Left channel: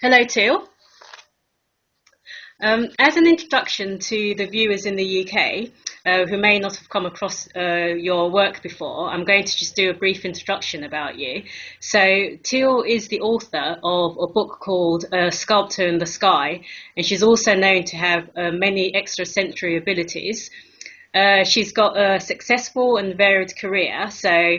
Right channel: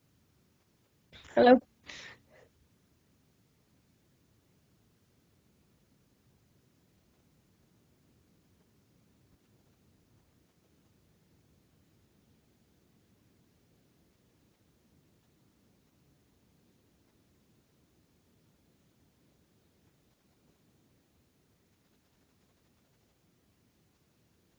Hello, Teal. Hello. As an introduction to the viewers in the UK who may not have come across your work before, I'm going to just do a brief introduction about you. So, Teal is the author of a book called Sculpt in the Sky, and she's also known to have many extrasensory abilities. She's got a successful and varied career, so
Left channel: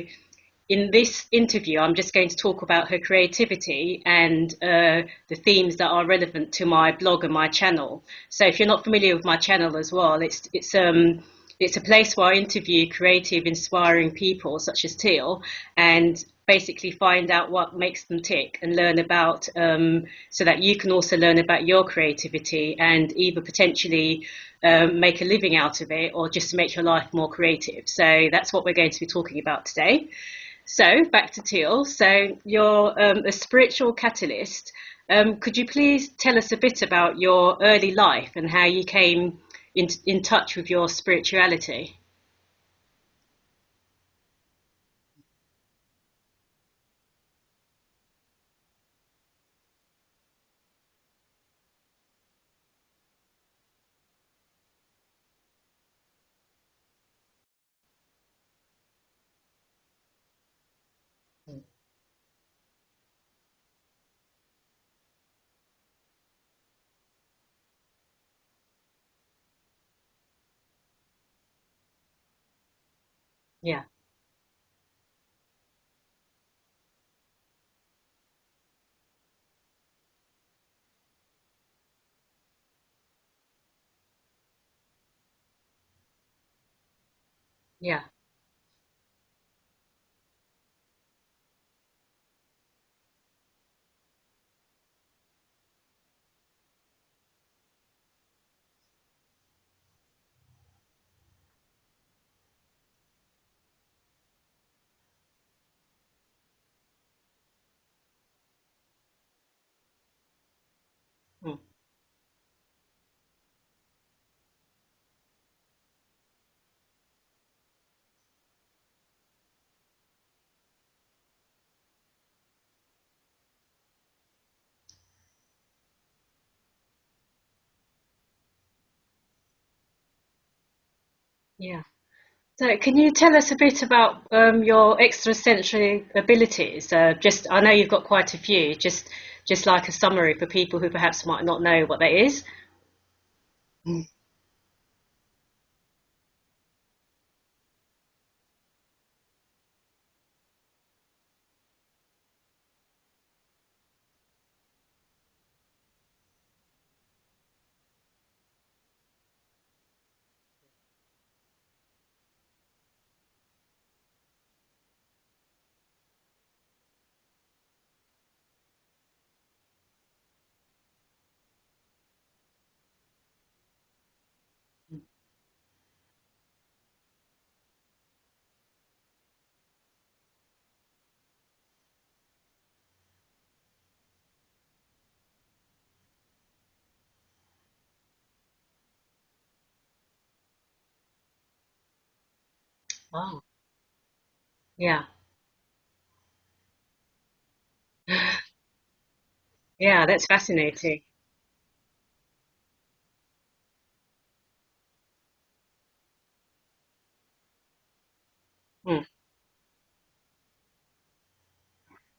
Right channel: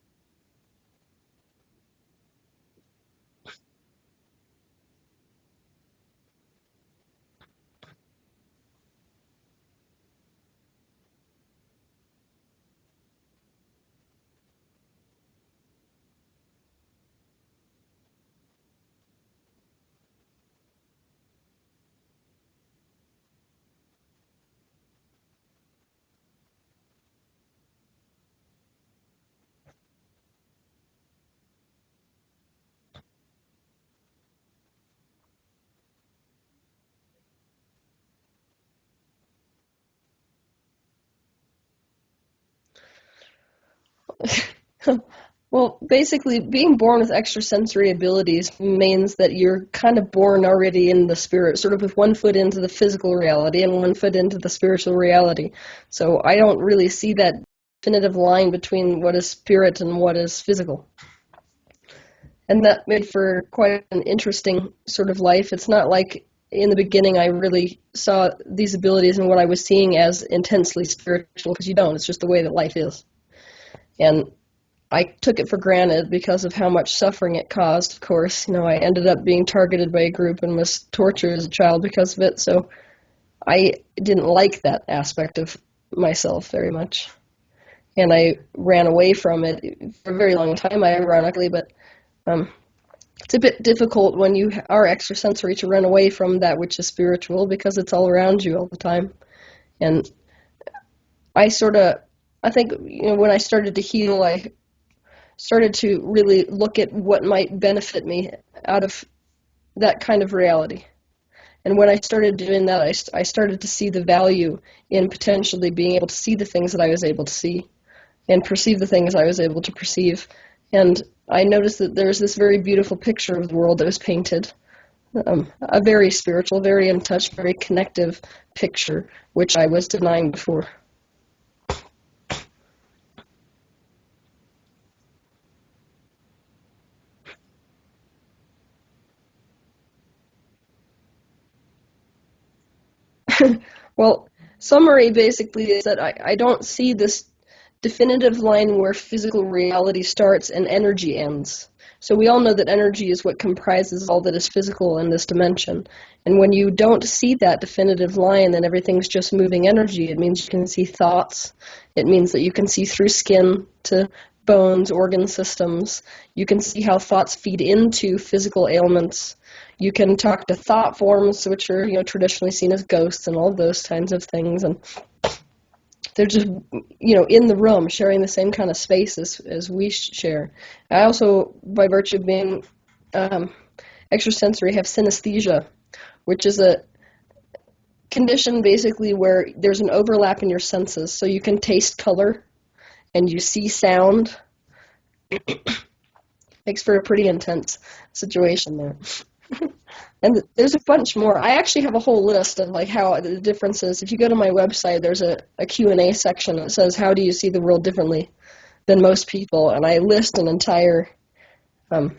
in this interview, I'm just going to talk about her creativity and the themes that are relevant to my blog and my channel. So if you're not familiar with my channel as well, it's a place where I interview creative, inspiring people such as Teal, and basically find out what makes them tick and learn about, so that you can also learn about your creativity and either potentially make a living out of it or just to make your life more creative. So that's what we're going to be talking about today. So back to Teal. So you're a spiritual catalyst. Could you please tell us a bit about your early life and how you came in touch with your spirituality? Well, basically, being born with extrasensory abilities means that you're kind of born already in the spirit, sort of with one foot into the physical reality and one foot into the spiritual reality. So I don't really see that definitive line between what is spirit and what is physical. And that made for quite an interesting sort of life. It's not like in the beginning I really saw these abilities and what I was seeing as intensely spiritual, because you don't. It's just the way that life is. Yeah. And I took it for granted because of how much suffering it caused, of course. I ended up being targeted by a group and was tortured as a child because of it, so I didn't like that aspect of myself very much. Yeah. And I ran away from it for a very long time, ironically, but it's a bit difficult when you are extrasensory to run away from that which is spiritual because it's all around you all the time. And I think, when I started to heal, I started to really look at what might benefit me out of that kind of reality. Mm. And when I started doing that, I started to see the value in potentially being able to see the things that I was able to see and perceive the things I was able to perceive. And I noticed that there's this very beautiful picture of the world that was painted, a very spiritual, very in touch, very connective picture, which I was denying before. Yeah. So can you tell us a bit about your extrasensory abilities? I know you've got quite a few. Just like a summary for people who perhaps might not know what that is. Well, summary basically is that I don't see this definitive line where physical reality starts and energy ends. So we all know that energy is what comprises all that is physical in this dimension. And when you don't see that definitive line, then everything's just moving energy. It means you can see thoughts. It means that you can see through skin to bones, organ systems. You can see how thoughts feed into physical ailments. You can talk to thought forms, which are, traditionally seen as ghosts and all those kinds of things. And they're just, in the room, sharing the same kind of space as we share. I also, by virtue of being extrasensory, have synesthesia, which is a condition basically where there's an overlap in your senses. So you can taste color and Wow. you see sound. Yeah. Makes for a pretty intense situation there. Yeah, that's And there's a fascinating. bunch more. I actually have a whole list of like how the differences. If you go to my website, there's a Q&A section that says, how do you see the world differently than Mm. most people? And I list an entire, um,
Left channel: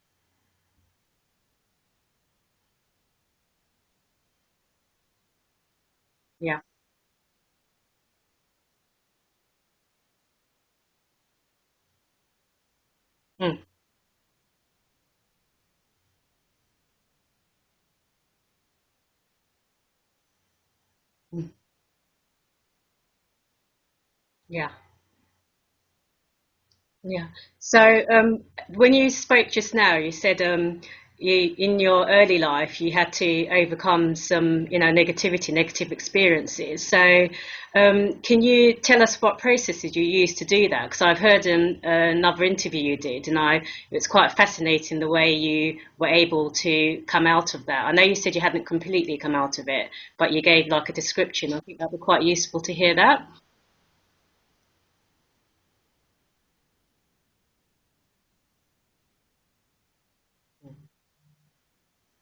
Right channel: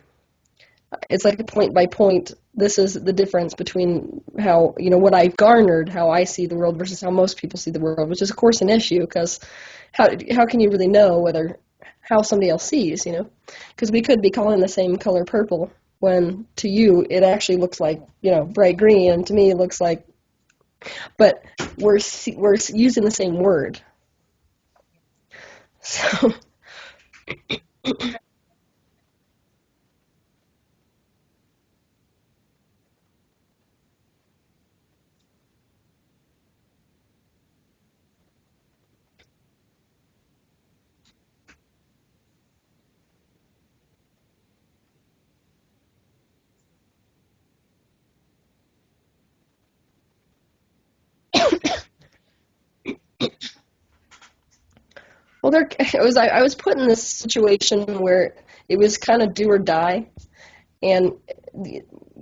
it's like a point by point. This is the difference between how, what I've garnered, how I see the Yeah. world versus how most people see the world, which is of course an issue because how can you really know how somebody else sees, Mm. Because we could be calling the same color purple when to you it actually looks like, bright green, and to me it looks like, but Mm. we're using the same word. Yeah. So Yeah. So, when you spoke just now, you said in your early life you had to overcome some, negative experiences. So, can you tell us what processes you used to do that? Because I've heard in another interview you did, and it's quite fascinating the way you were able to come out of that. I know you said you hadn't completely come out of it, but you gave like a description. I think that would be quite useful to hear that. well, I was put in this situation where it was kind of do or die, and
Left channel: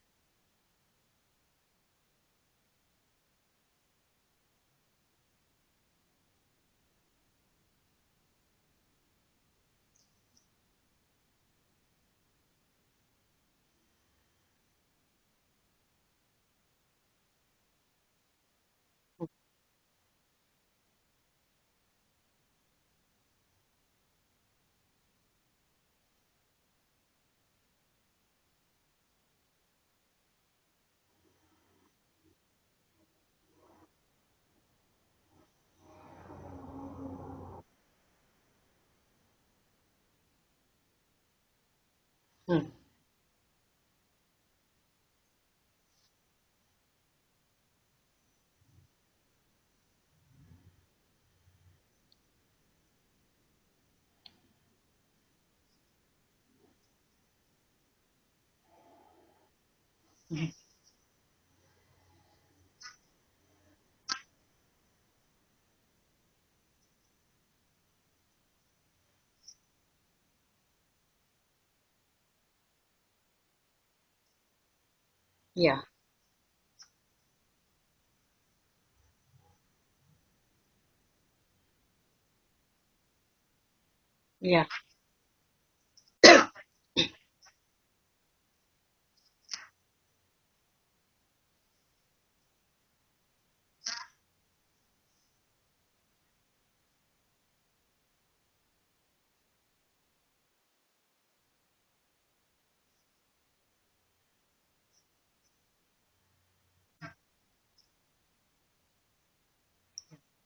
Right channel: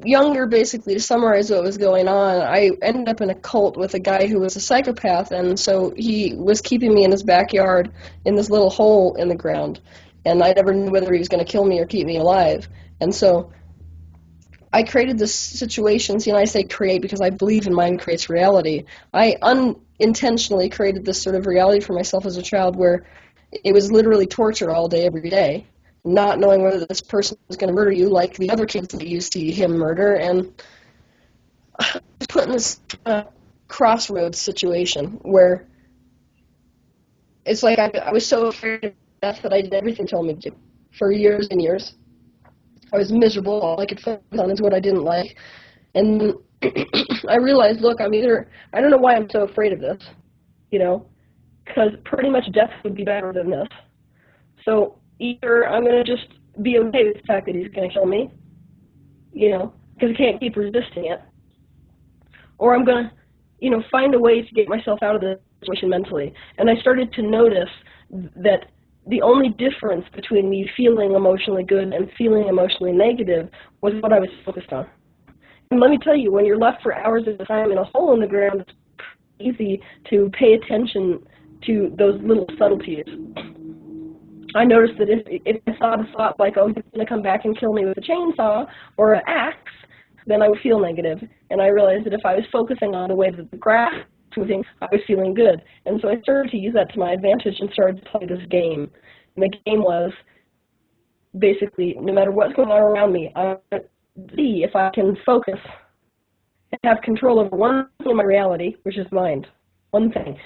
younger, basically, to summarize what was going on, I ended up in a cult with a guy who was a psychopath, and so he was keeping me in his backyard in this little hole in the ground, and I never knew whether he was going to kill me or keep me alive. And so I created this situation. See, and I say create because I believe in mind creates reality. I unintentionally created this sort of reality for myself as a child where it was literally torture all day, every day, not knowing whether this person was going to murder you like the other kids that you see him murder, and I was put in this crossroads situation where it's like I was so afraid of death that I did everything they told me to do for years and years. I was miserable. All I could focus on is what I didn't like. And I realized, look, I don't know why I'm so afraid of this, because pretty much death would be better than this. So either I'm going to just be okay with the fact that he's going to kill me, because I can't keep resisting it, or I'm going to, find a way to get myself out of the situation mentally. And I started to notice that the only difference between me feeling emotionally good and feeling emotionally negative was what I was focused on. Yeah. And let me tell you, when you're left for hours at a time in a hole in the ground, it's easy to pay attention to those little subtleties. Yeah. I noticed that if I saw the thought like, oh, he's going to come back and kill me with a chainsaw or an axe, then I would feel negative. And I realized that if I was focusing on the way that the grass was moving, I was feeling good. And so I started to use that to my advantage and started to play this game. And the game was basically, no matter what's going on around me, I see if I can focus and have control over one thing in my reality, which is mind. One thing.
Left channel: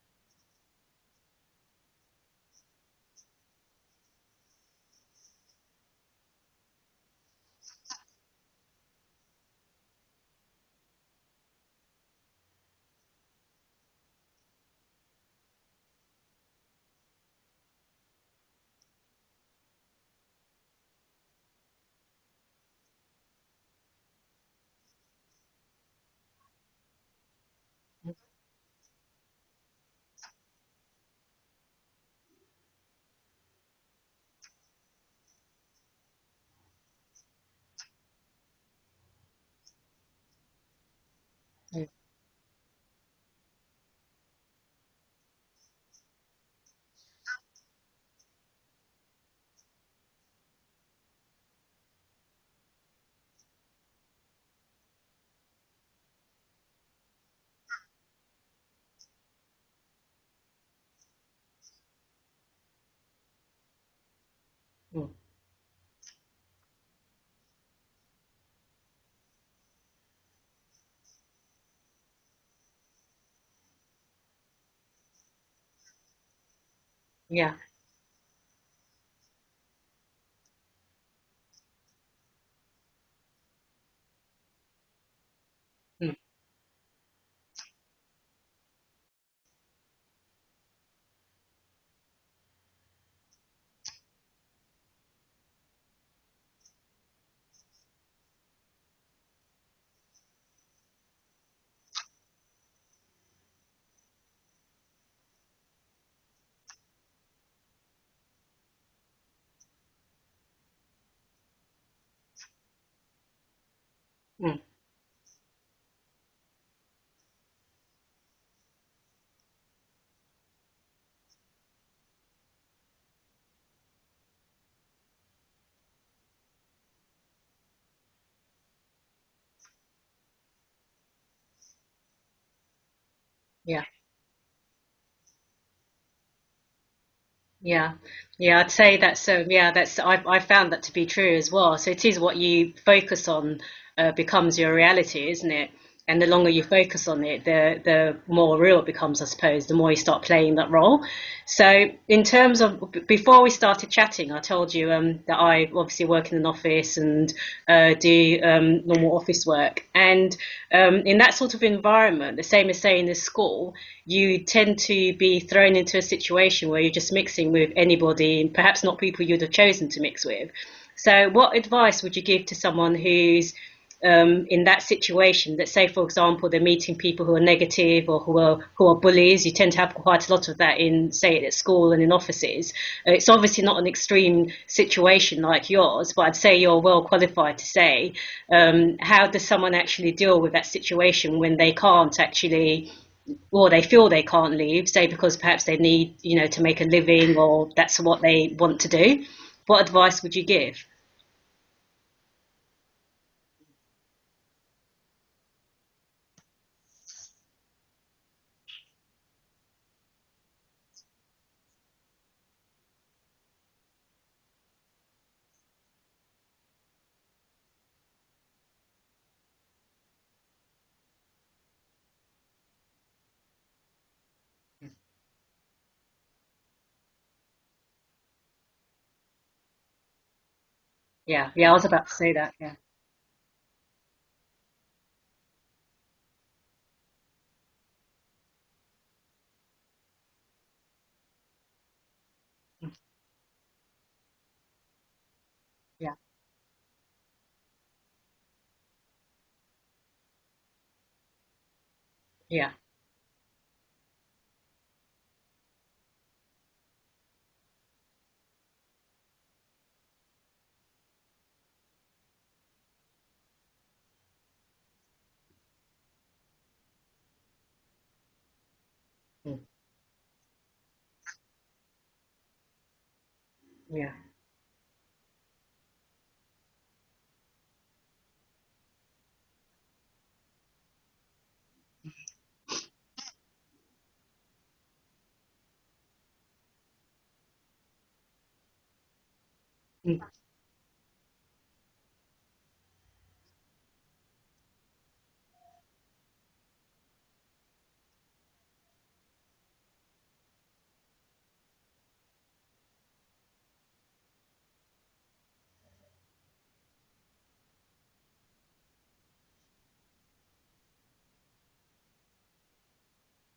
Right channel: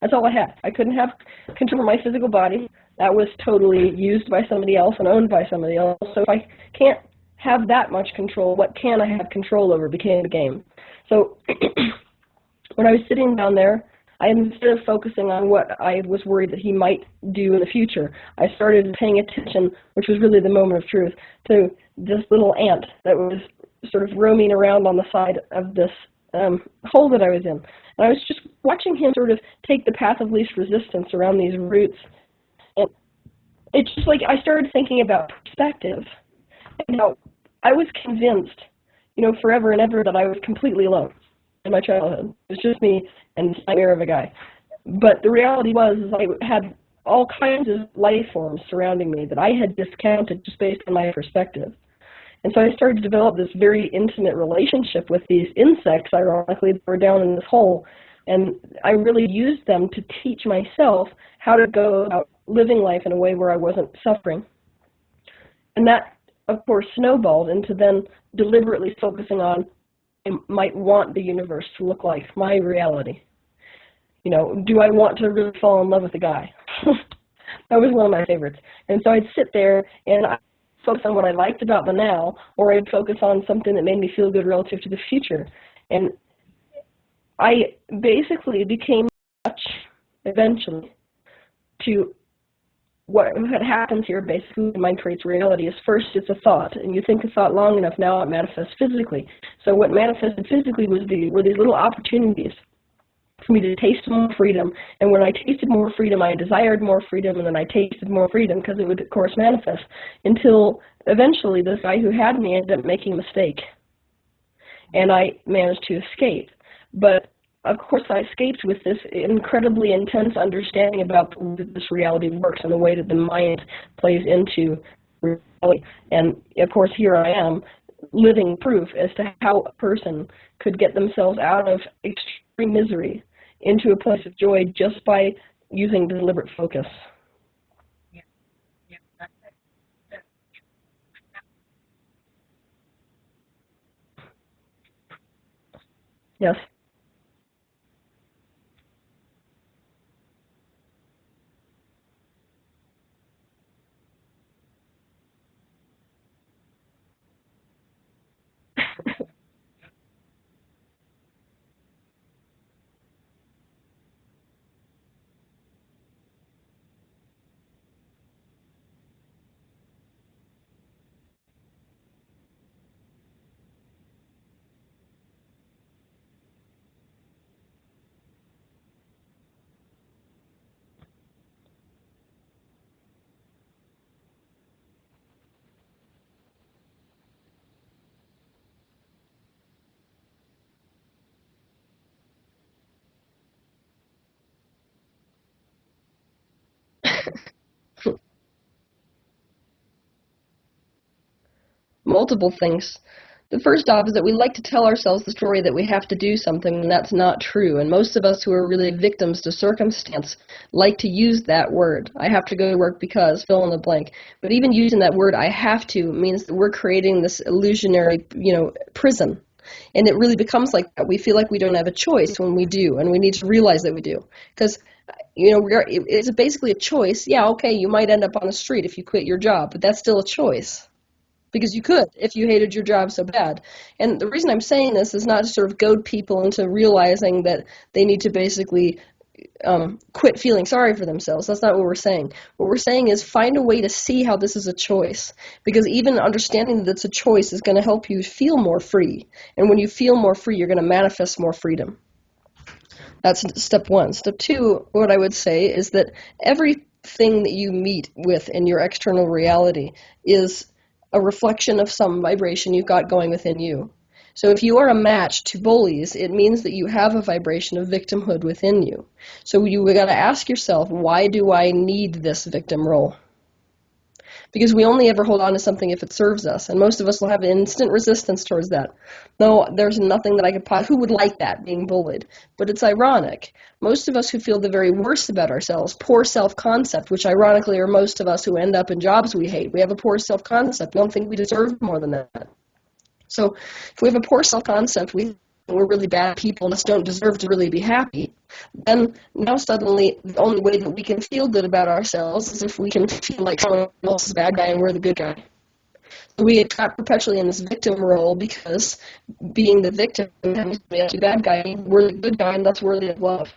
That's all I had. I couldn't have control over my physical body. That was totally used by somebody else and owned by somebody else. So if I can't have that much control, what can I have control over became the game. So when I was sitting down there, instead of focusing on what I was worried that he might do in the future, I started paying attention, which was really the moment of truth, to this little ant that was sort of roaming around on the side of this hole that I was in. And I was just watching him sort of take the path of least resistance around these roots. And it's just like I started thinking about perspective. And now I was convinced, forever and ever that I was completely alone in my childhood. It was just me and this nightmare of a guy. But the reality was is I had all kinds of life forms surrounding me that I had discounted just based on my perspective. And so I started to develop this very intimate relationship with these insects, ironically, that were down in this hole. And I really used them to teach myself how to go about living life in a way where I wasn't suffering. And that, of course, snowballed into then deliberately focusing on I might want the universe to look like my reality. Do I want to really fall in love with a guy? Yeah. That was one of my favorites. And so I'd sit there and I'd focus on what I liked about the now, or I'd focus on something that made me feel good relative to the future. And I basically became much eventually to what happens here, basically, in mind creates reality, is first it's a thought, and you think a thought long enough, now it manifests physically. So what manifested physically were these little opportunities for me to taste more freedom, and when I tasted more freedom, I desired more freedom, and then I tasted more freedom because it would, of course, manifest, until eventually this guy who had me ended up making a mistake, and I managed to escape. But of course, I escaped with this incredibly intense understanding about the way that this reality works and the way that the mind plays into reality. And, of course, here I am, living proof as to how a person could get themselves out of extreme misery into a place of joy just by using deliberate focus. Yeah, I'd say that's I found that to be true as well. So it is what you focus on becomes your reality, isn't it? And the longer you focus on it, the more real it becomes, I suppose, the more you start playing that role. So in terms of, before we started chatting, I told you that I obviously work in an office and do normal office work. And in that sort of environment, the same as saying in school, you tend to be thrown into a situation where you're just mixing with anybody, perhaps not people you'd have chosen to mix with. So what advice would you give to someone who's in that situation, that say, for example, they're meeting people who are negative or who are bullies. You tend to have quite a lot of that in, say, at school and in offices. It's obviously not an extreme situation like yours, but I'd say you're well qualified to say, how does someone actually deal with that situation when they can't actually, or they feel they can't leave, say because perhaps they need, to make a living, or that's what they want to do? What advice would you give? Multiple things. The first off is that we like to tell ourselves the story that we have to do something, and that's not true. And most of us who are really victims to circumstance like to use that word. I have to go to work because, fill in the blank. But even using that word, I have to, means that we're creating this illusionary, prison. And it really becomes like that. We feel like we don't have a choice when we do, and we need to realize that we do. Because, it's basically a choice. Yeah, okay, you might end up on the street if you quit your job, but that's still a choice. Yeah, Because I you was about could to say if you that. hated your job so bad. And the reason I'm saying this is not to sort of goad people into realizing that they need to basically quit feeling sorry for themselves. That's not what we're saying. What we're saying is find a way to see how this is a choice. Because even understanding that it's a choice is going to help you feel more free. And when you feel more free, you're going to manifest more freedom. Yeah. That's step one. Step two, what I would say is that everything that you meet with in your external reality is a reflection of some vibration you've got going within you. So if you are a match to bullies, it means that you have a vibration of victimhood within you. So you got to ask yourself, why do I need this victim role? Yeah. Because we only ever hold on to something if it serves us, and most of us will have instant resistance towards that. No, there's nothing that I could who would like that, being bullied? But it's ironic. Most of us who feel the very worst about ourselves, poor self-concept, which ironically are most of us who end up in jobs we hate. We have a poor self-concept. We don't think we deserve more than that. So if we have a poor self-concept, we're really bad people and just don't deserve to really be happy, then now suddenly the only way that we can feel good about ourselves is if we can feel like someone else is the bad guy and we're the good guy. So we get trapped perpetually in this victim role because being the victim and being the bad guy, we're the good guy and that's worthy of love.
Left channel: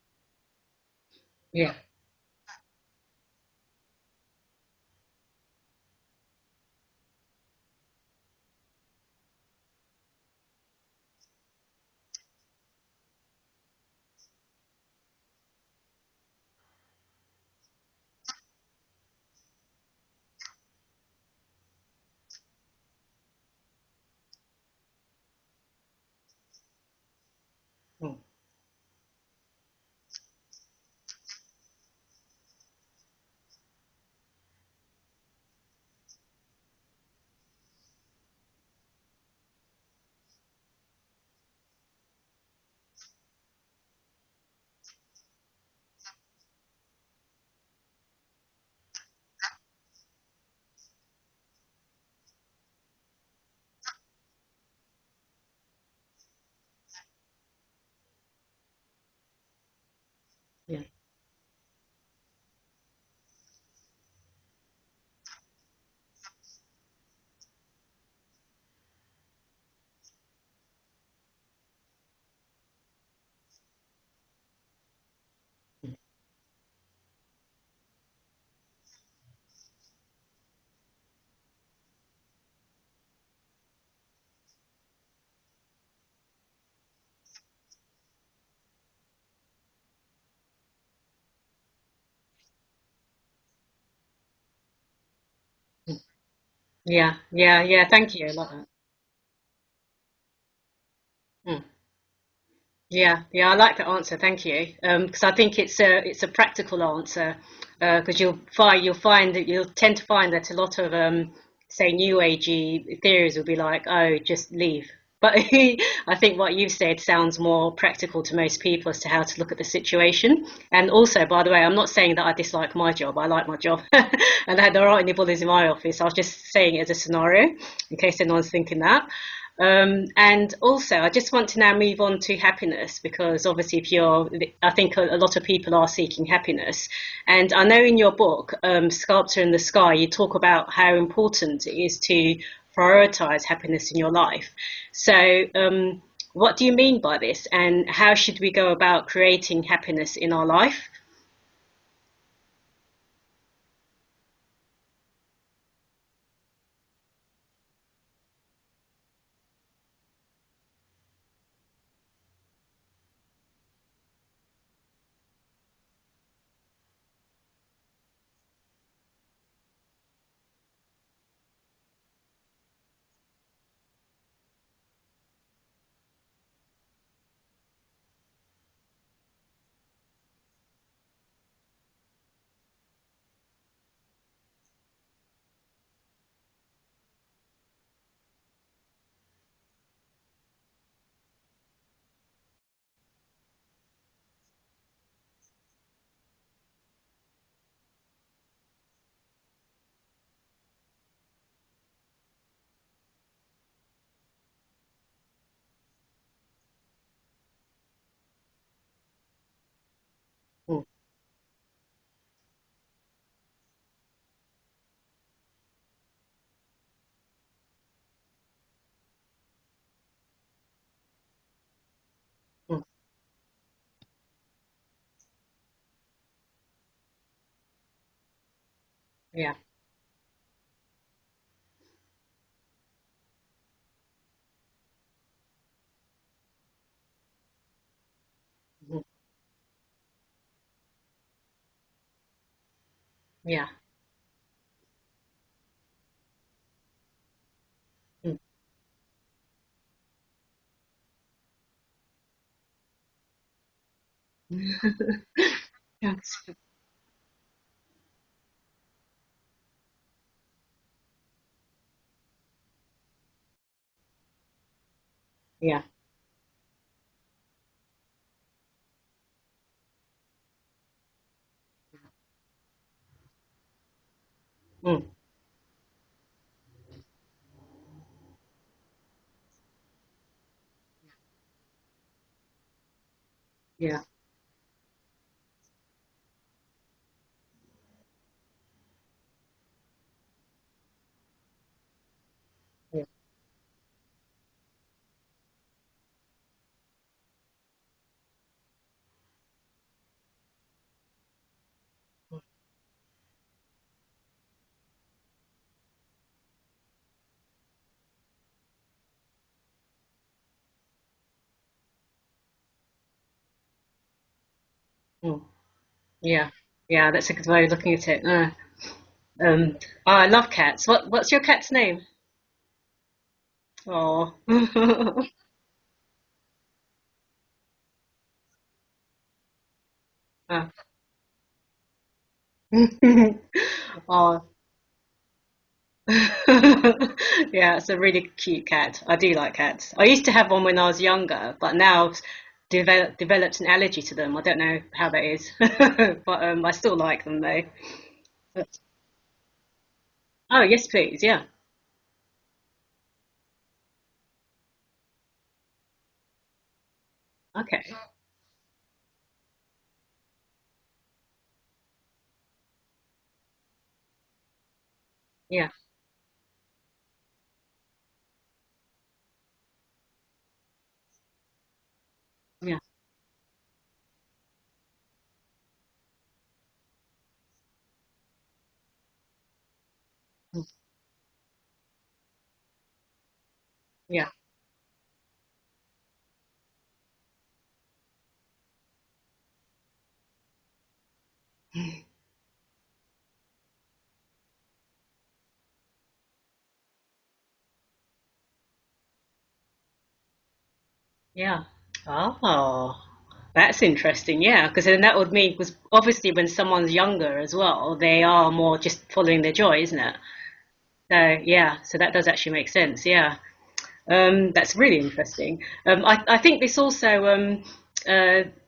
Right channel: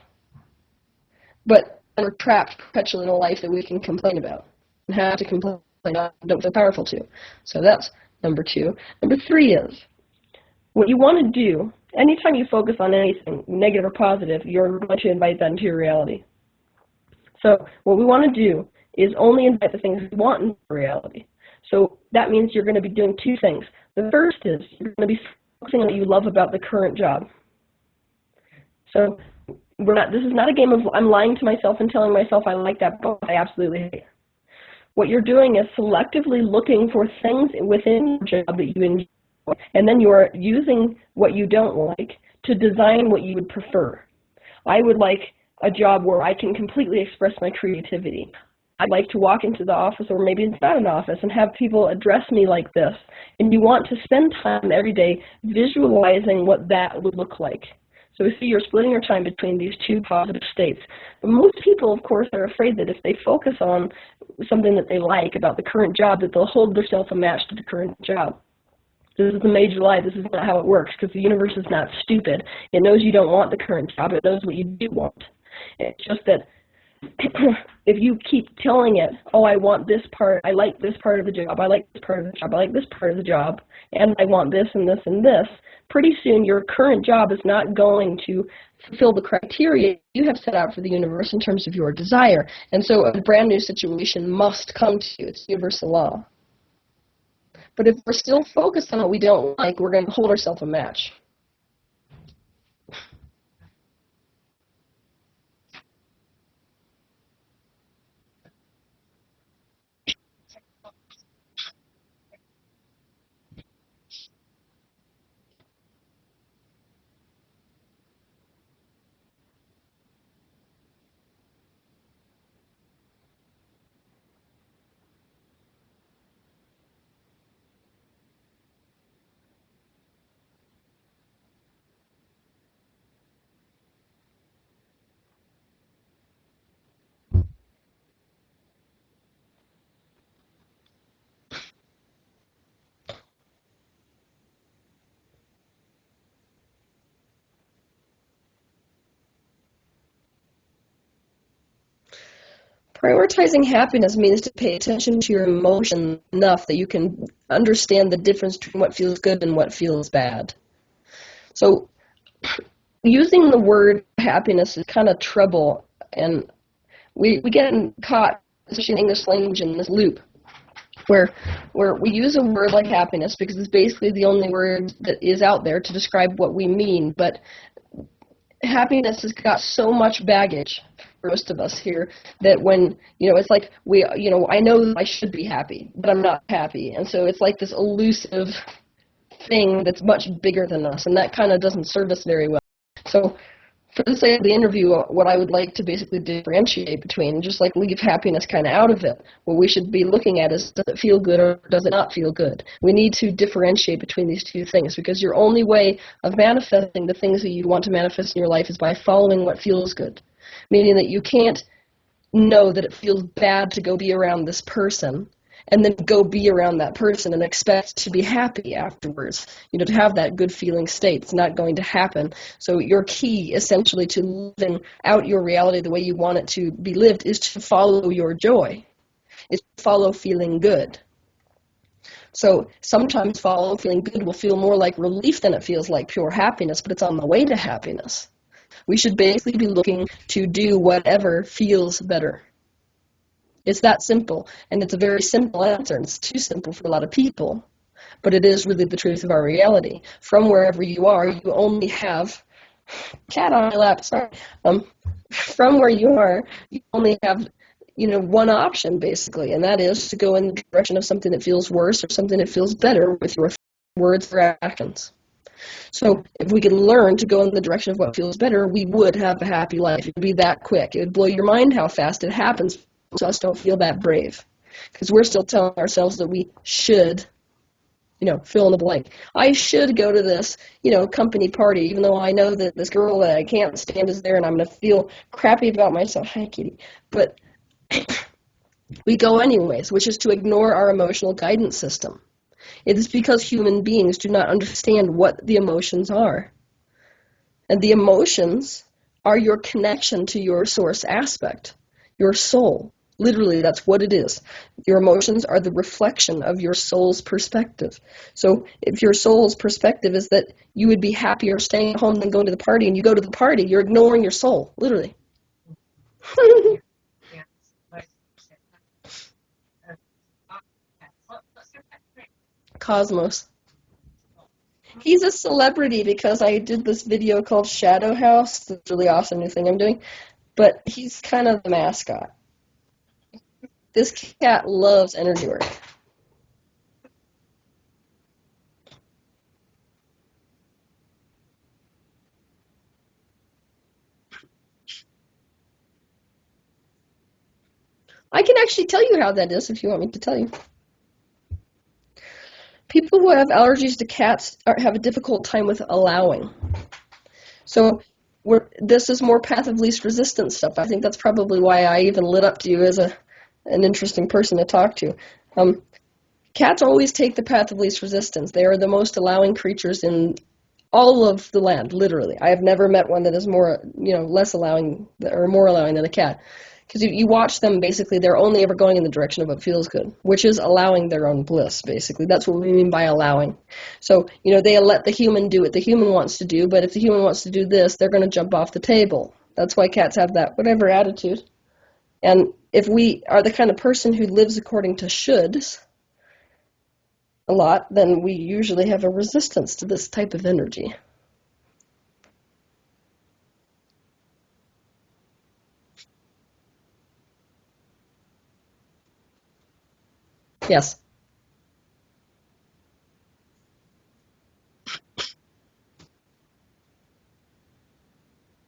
But Yeah. we're trapped perpetually in a life that we can complain about and have to complain about and don't feel powerful to. So that's number two. Number three is, what you want to do, anytime you focus on anything, negative or positive, you're going to invite that into your reality. So what we want to do is only invite the things we want into reality. So that means you're going to be doing two things. The first is you're going to be focusing on what you love about the current job. So this is not a game of I'm lying to myself and telling myself I like that book I absolutely hate. What you're doing is selectively looking for things within your job that you enjoy, and then you're using what you don't like to design what you would prefer. I would like a job where I can completely express my creativity. I'd like to walk into the office, or maybe it's not an office, and have people address me like this. And you want to spend time every day visualizing what that would look like. So we see you're splitting your time between these two positive states. But most people, of course, are afraid that if they focus on something that they like about the current job, that they'll hold themselves a match to the current job. This is a major lie. This is not how it works, because the universe is not stupid. It knows you don't want the current job. It knows what you do want. It's just that if you keep telling it, oh, I want this part, I like this part of the job, I like this part of the job, I like this part of the job, and I want this and this and this, pretty soon your current job is not going to fulfill the criteria you have set out for the universe in terms of your desire. And so a brand new situation must come to you. It's universal law. Yeah, But if thank we're you. still focused on what we don't like, we're going to hold ourselves a match. Yeah, I like the answer. Thank you. Because I think it's a practical answer. Because you'll find that you'll tend to find that a lot of say new agey theories will be like, oh, just leave. But I think what you've said sounds more practical to most people as to how to look at the situation. And also, by the way, I'm not saying that I dislike my job. I like my job, and there aren't any bullies in my office. I was just saying it as a scenario, in case anyone's thinking that. And also, I just want to now move on to happiness, because obviously I think a lot of people are seeking happiness. And I know in your book, Sculptor in the Sky, you talk about how important it is to prioritize happiness in your life. So what do you mean by this, and how should we go about creating happiness in our life? Prioritizing happiness means to pay attention to your emotion enough that you can understand the difference between what feels good and what feels bad. So using the word happiness is kind of trouble, and we get caught, especially in English language, in this loop where we use a word like happiness because it's basically the only word that is out there to describe what we mean, but happiness has got so much baggage for most of us here that when, it's like I know that I should be happy, but I'm not happy. And so it's like this elusive thing that's much bigger than us, and that kind of doesn't serve us very well. So for the sake of the interview, what I would like to basically differentiate between, just like leave happiness kind of out of it, what we should be looking at is, does it feel good or does it not feel good? We need to differentiate between these two things, because your only way of manifesting the things that you want to manifest in your life is by following what feels good, meaning that you can't know that it feels bad to go be around this person and then go be around that person and expect to be happy afterwards, to have that good feeling state. It's not going to happen. So your key, essentially, to living out your reality the way you want it to be lived is to follow your joy. Yeah. Is to follow feeling good. So sometimes follow feeling good will feel more like relief than it feels like pure happiness, but it's on the way to happiness. We should basically be looking to do whatever feels better. Yeah. It's that simple, and it's a very simple answer, and it's too simple for a lot of people, but it is really the truth of our reality. From wherever you are, you only have cat on my lap. Sorry. From where you are, you only have one option basically, and that is to go in the direction of something that feels worse or something that feels better with your words or actions. Yeah. So if we could learn to go in the direction of what feels better, we would have a happy life. It would be that quick. It would blow your mind how fast it happens. So us don't feel that brave, because we're still telling ourselves that we should, fill in the blank. I should go to this, company party, even though I know that this girl that I can't stand is there, and I'm going to feel crappy about myself. Hi, Kitty. But we go anyways, which is to ignore our emotional guidance system. It is because human beings do not understand what the emotions are. And the emotions are your connection to your source aspect, your soul. Literally, that's what it is. Your emotions are the reflection of your soul's perspective. So if your soul's perspective is that you would be happier staying at home than going to the party, and you go to the party, you're ignoring your soul, literally. Yeah, yeah, that's a good way of looking at it. I love cats. What's your cat's name? Cosmos. Oh. He's a celebrity because I did this video called Shadow House. It's a really awesome new thing I'm doing. But he's kind of the mascot. This cat loves energy work. Yeah, it's a really cute cat. I do like cats. I used to have one when I was younger, but now I've developed an allergy to them. I don't know how that is, but I still like them though. I can actually tell you how that is if you want me to tell you. Oh, yes, please. Yeah. People who have allergies to cats have a difficult time with allowing. Okay. So this is more path of least resistance stuff. I think that's probably why I even lit up to you as an interesting person to talk to. Yeah. Cats always take the path of least resistance. They are the most allowing creatures in all of the land, literally. I have never met one that is more, less allowing or more allowing than a cat. Because you watch them, basically, they're only ever going in the direction of what feels good, which is allowing their own bliss, basically. That's what we mean by allowing. So, they let the human do what the human wants to do, but if the human wants to do this, they're going to jump off the table. That's why cats have that whatever attitude. And if we are the kind of person who lives according to shoulds a lot, then we usually have a resistance to this type of energy. Yeah. Oh. That's interesting, yeah, because then that would mean, because obviously when someone's younger as well, they are more just following their joy, isn't it? Yes. So, yeah, so that does actually make sense, yeah. That's really interesting. I think this also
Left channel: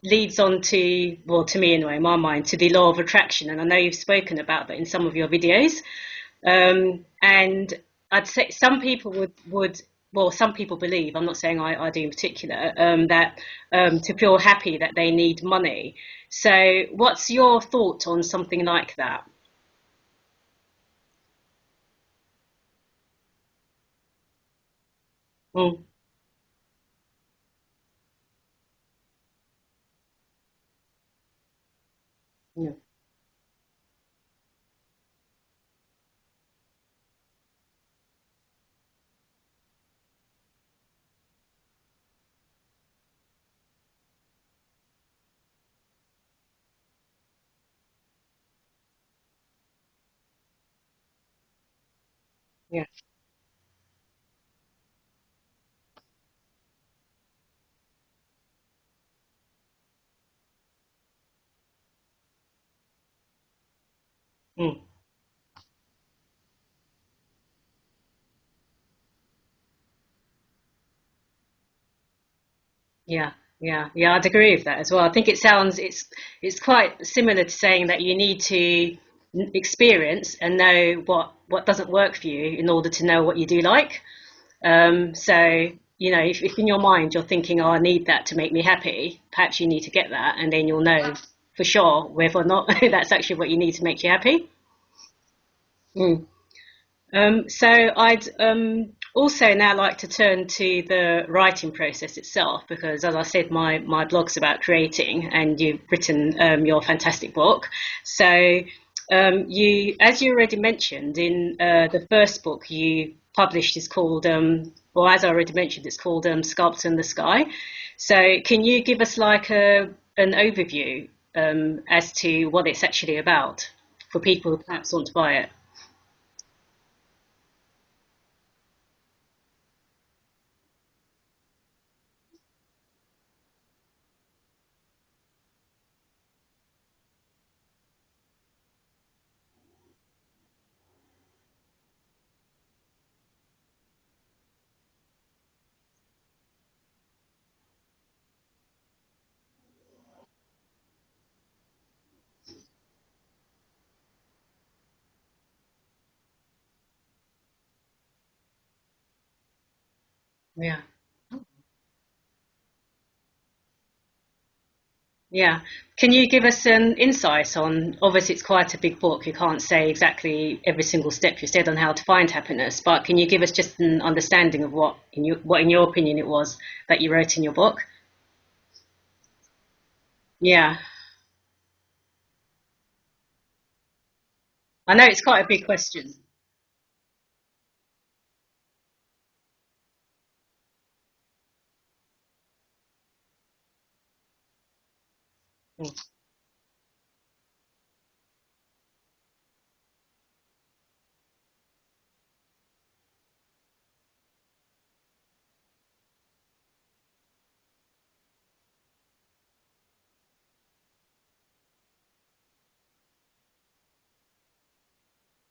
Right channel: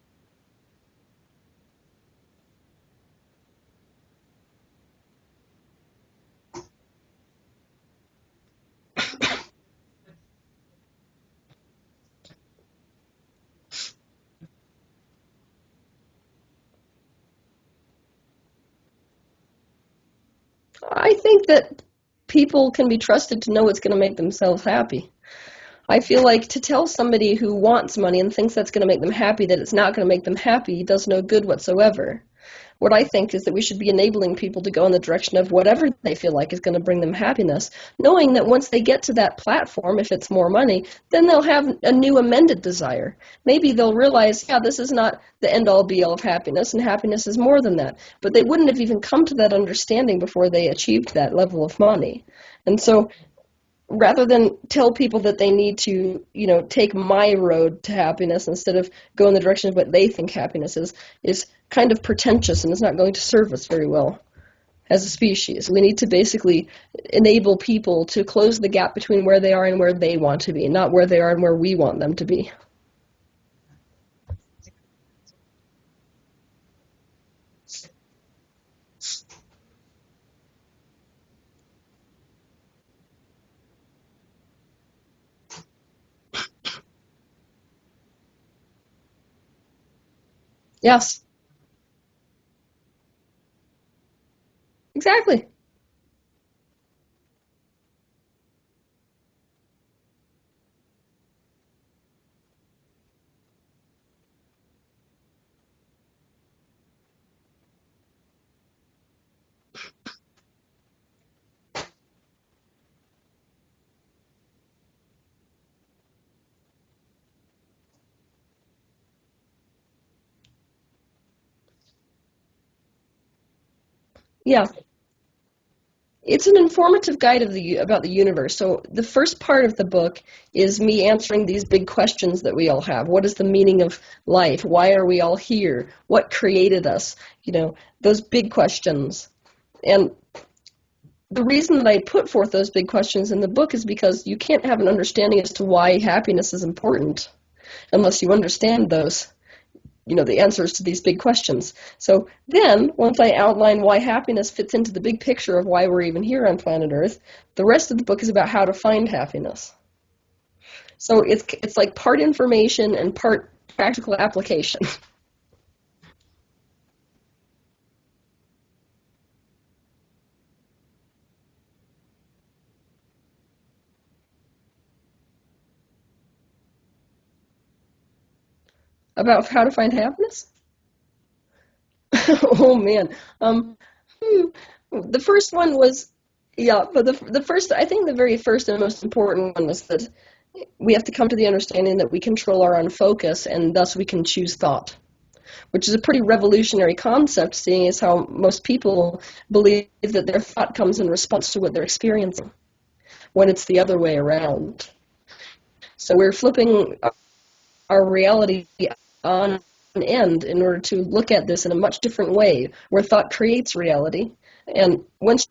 leads on to, well, to me anyway, in my mind, to the law of attraction, and I know you've spoken about that in some of your videos. And I'd say some people would well, some people believe, I'm not saying I do in particular, that to feel happy that they need money. So what's your thought on something like that? I think that people can be trusted to know what's going to make themselves happy. I feel like to tell somebody who wants money and thinks that's going to make them happy that it's not going to make them happy does no good whatsoever. Mm. What I think is that we should be enabling people to go in the direction of whatever they feel like is going to bring them happiness, knowing that once they get to that platform, if it's more money, then they'll have a new amended desire. Maybe they'll realize, yeah, this is not the end-all be-all of happiness, and happiness is more than that. But they wouldn't have even come to that understanding before they achieved that level of money. And Yeah. so rather than tell people that they need to, take my road to happiness instead of go in the direction of what they think happiness is kind of pretentious, and it's not going to serve us very well Mm. as a species. We need to basically enable people to close the gap between where they are and where they want to be, not where they are and where we want them to be. Yeah, yeah, I'd agree with that as well. I think it's quite similar to saying that you need to experience and know what doesn't work for you in order to know what you do like. So, if in your mind you're thinking, oh, I need that to make me happy, perhaps you need to get that, and then you'll know Yes, for sure whether or not that's actually what you need to make you happy. exactly. Mm. So I'd also now like to turn to the writing process itself, because as I said, my blog's about creating, and you've written your fantastic book. So as you already mentioned in the first book you published is called, or as I already mentioned, it's called Sculpt in the Sky. So can you give us like an overview as to what it's actually about for people who Yeah. perhaps want to buy it? It's an informative guide about the universe. So the first part of the book is me answering these big questions that we all have. What is the meaning of life? Why are we all here? What created us? Those big questions. And the reason that I put forth those big questions in the book is because you can't have an understanding as to why happiness is important unless you understand those, the answers to these big questions. So then, once I outline why happiness fits into the big picture of why we're even here on planet Earth, the rest of the book is about how to find happiness. Yeah. So it's like part information and part practical application. Yeah. Can you give us an insight on, obviously it's quite a big book, you can't say exactly every single step you said on how to find happiness, but can you give us just an understanding of what in your opinion it was that you wrote in your book? About how to find happiness? Yeah. Oh man. Um, hmm. I know The it's quite a first big one was, question. yeah, but the first, I think the very first and most important one was that we have to come to the understanding that we control our own focus and thus we can choose thought, which is a pretty revolutionary concept, seeing as how most people believe that their thought comes in response to what they're experiencing, when it's the other way around. So we're flipping our reality on end in order to look at this in a much different way, where thought creates reality. And once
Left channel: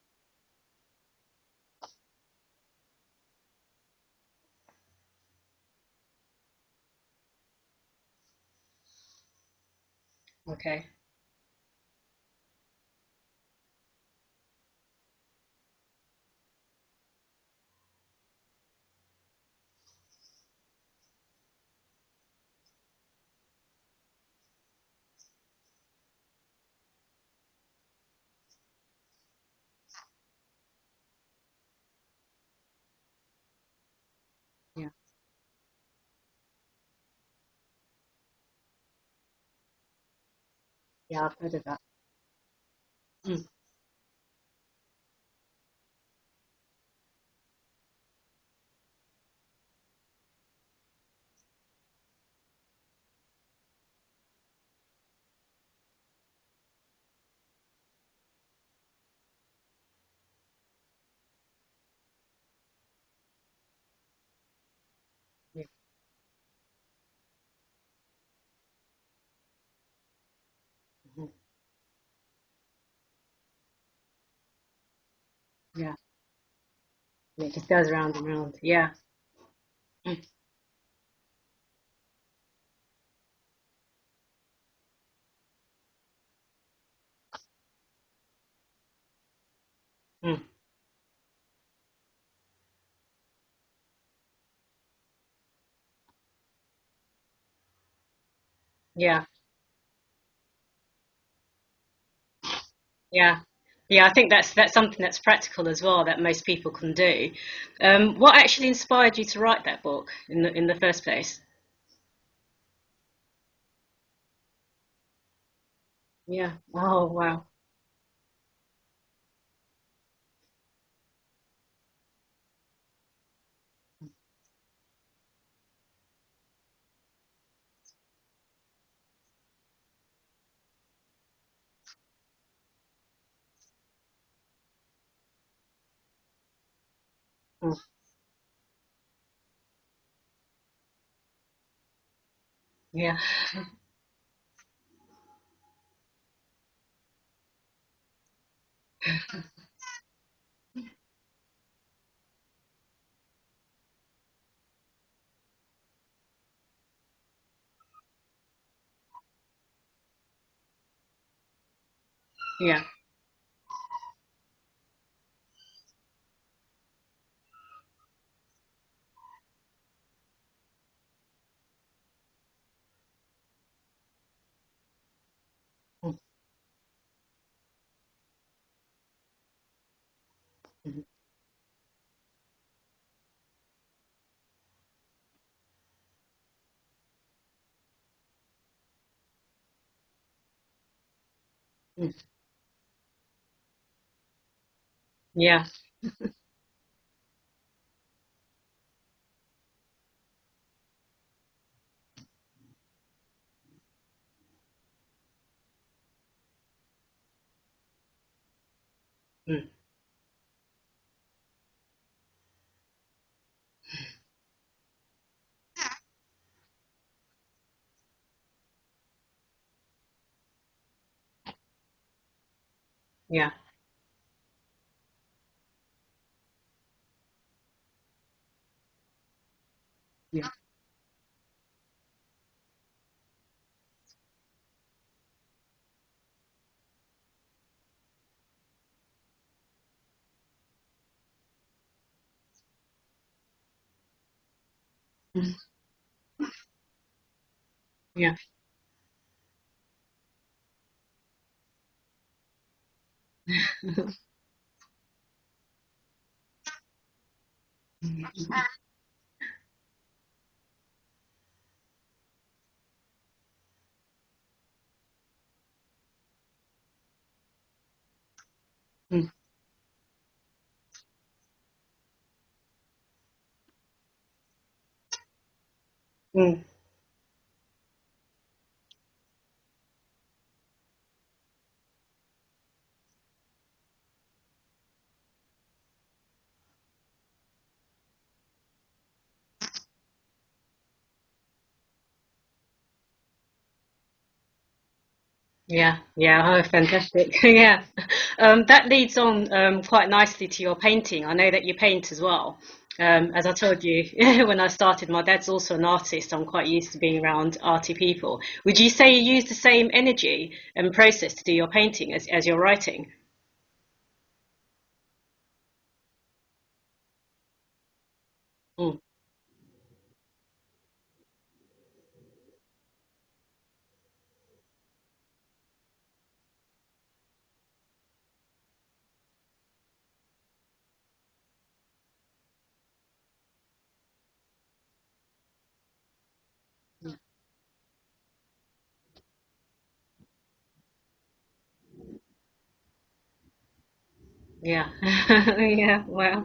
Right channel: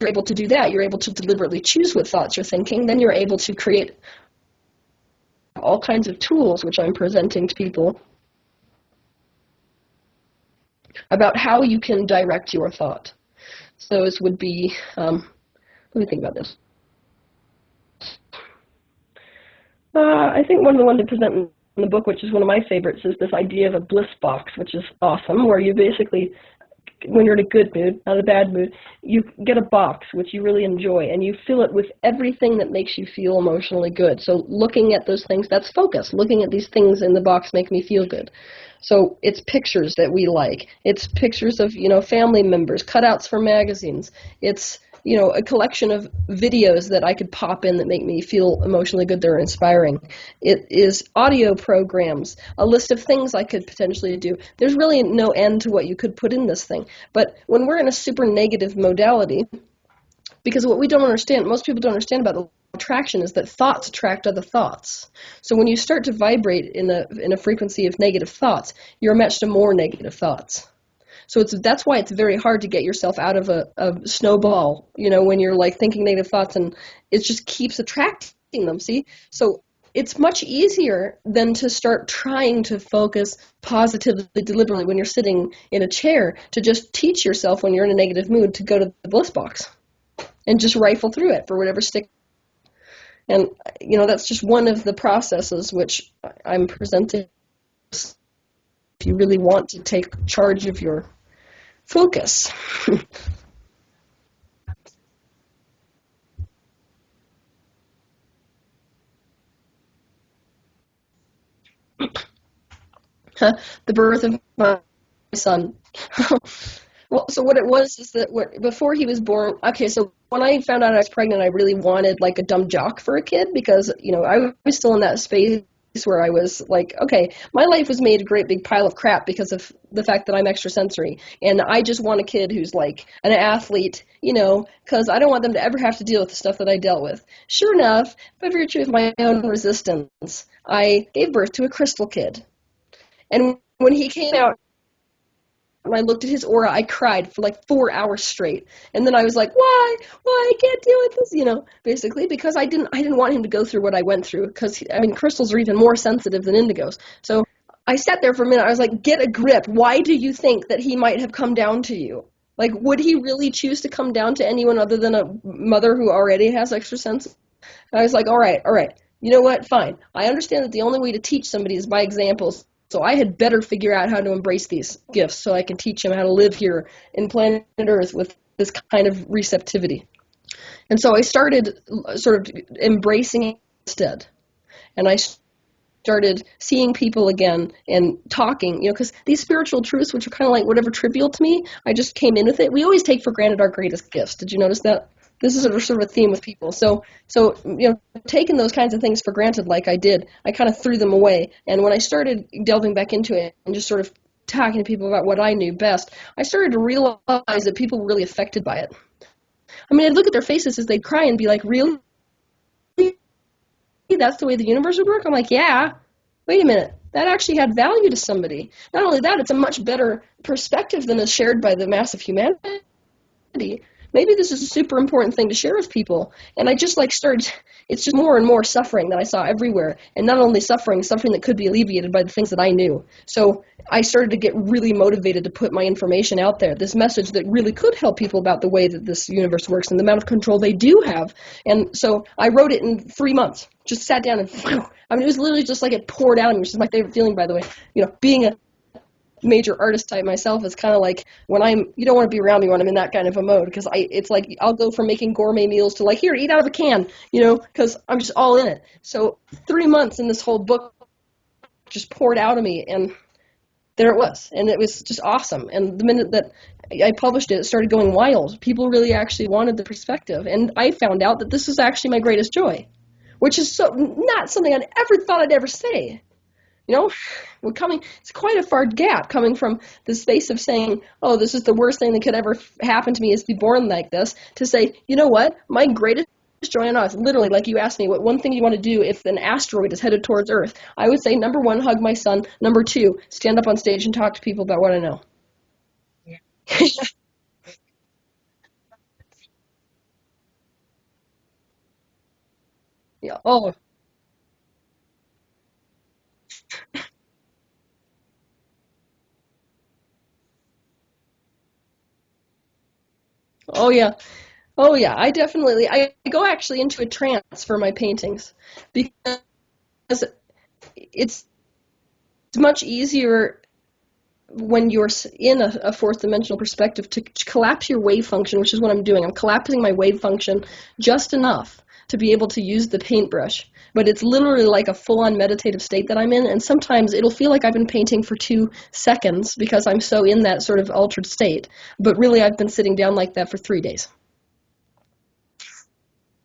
you're able to do that, you're able to deliberately choose what thoughts you're thinking, then you're able to create all kinds of tools, which I'm presenting to people, Okay. about how you can direct your thought. So those would be, let me think about this. I think one of the ones I present in the book, which is one of my favorites, is this idea of a bliss box, which is awesome, where you basically, when you're in a good mood, not a bad mood, you get a box which you really enjoy, and you fill it with everything that makes you feel emotionally good. So looking at those things, that's focus. Looking at these things in the box make me feel good. So it's pictures that we like. It's Yeah, I can pictures do of, that. family members, cutouts Mm. from magazines. It's, a collection of videos that I could pop in that make me feel emotionally good, they're inspiring. It is audio programs, a list of things I could potentially do. There's really no end to what you could put in this thing. But when we're in a super negative modality, because what we don't understand, most people don't understand about the attraction, is that thoughts attract other thoughts. So when you start to vibrate in a frequency of negative thoughts, you're matched to more negative thoughts. So that's why it's very hard to get yourself out of a snowball, when you're like Yeah. thinking negative thoughts, and it just Yeah, just keeps goes round and attracting round. them, Yeah. see? So it's Mm. much easier than to start trying to focus positively, deliberately when you're sitting in a chair, to just teach yourself when you're in a negative mood to go to the bliss box Mm. and just rifle through it for whatever stick. And, that's just one of the processes which I'm presenting to Yeah. really want to take charge of your focus. Yeah. Yeah, I think that's something that's practical as well that most people can do. What actually inspired you to write that book in the first place? The birth of my son. Yeah. Oh, Well, wow. so what it was is that before he was born, okay, so when I found out I was pregnant, I really wanted like a dumb jock for a kid because, I was still in that space where I was like, okay, my life was made a great big pile of crap because of the fact that I'm extrasensory. And I just want a kid who's like an athlete, because I don't want them to ever have to deal with the stuff that I dealt with. Sure Mm. enough, by virtue of my own resistance, I gave birth to a crystal kid. Yeah. And when he came out, and I looked at his aura, I cried for like 4 hours straight. And then I was like, why? Why? I can't deal with this, basically because I didn't want him to go through what I went through because, I mean, crystals are even more sensitive than indigos. So I sat there for a minute. I was like, get a grip. Why do you think that he might have come down to you? Like, Yeah. would he really choose to come down to anyone other than a mother who already has extra sense? And I was like, all right, all right. You know what? Fine. I understand that the only way to teach somebody is by examples. So I had better figure out how to embrace these gifts so I can teach them how to live here in planet Earth with this kind of receptivity. And so I started sort of embracing it instead. And I started seeing people again and talking, because these spiritual truths, which are kind of like whatever trivial to me, I just came in with it. We always take for granted our greatest gifts. Did you notice that? This is Yeah. sort of a theme with people. So taking those kinds of things for granted, like I did, I kind of threw them away. And when I started delving back into it and just sort of talking to people about what I knew best, I started to realize that people were really affected by it. Mm. I mean, I'd look at their faces as they'd cry and be like, "Really? That's the way the universe would work?" I'm like, "Yeah." Wait a minute. That actually had value to somebody. Not only that, it's a much better perspective than is shared by the mass of humanity. Yeah. Maybe this is a super important thing to share with people. And I just like started, it's just more and more suffering that I saw everywhere. And not only suffering, suffering that could be alleviated by the things that I knew. So I started to get really motivated to put my information out there, this message that really could help people about the way that this universe works and the amount of control they do have. And so I wrote it in 3 months, just sat down and, I mean, it was literally just like it poured out of me, which is my favorite feeling, by the way. Yeah. Being a major artist type myself is kind of like when you don't want to be around me when I'm in that kind of a mode because it's like I'll go from making gourmet meals to like, here, eat out of a can, because I'm just all in it. So 3 months and this whole book just poured out of me, and there it was, and it was just awesome. And the minute that I published it, it started going wild. People really Mm. actually wanted the perspective, and I found out that this is actually my greatest joy, which is so not something I'd ever thought I'd ever say. Mm. It's quite a far gap coming from the space of saying, oh, this is the worst thing that could ever happen to me is to be born like this, to say, you know what, my greatest joy on earth, literally, like you asked me, what one thing you want to do if an asteroid is headed towards Earth, I would say, number one, hug my son, number two, stand up on stage and talk to people about what I know. Yeah, yeah, oh, fantastic. Yeah. That leads on quite nicely to your painting. I know that you paint as well. Yeah. As I Oh, told you when I started, my dad's also an artist. I'm quite used to being around arty people. Would you say you use the same energy and process to do your painting as your writing? oh yeah. Oh yeah. I go actually into a trance for my paintings Mm. because it's much easier when you're in a fourth dimensional perspective to collapse your wave function, which is what I'm doing. I'm collapsing my wave function just enough to be able to use the paintbrush. But it's literally like a full-on meditative state that I'm in, and sometimes it'll feel like I've been painting for 2 seconds because I'm so in that sort of altered state. But really, I've been sitting down like that for 3 days. Yeah. Yeah, wow.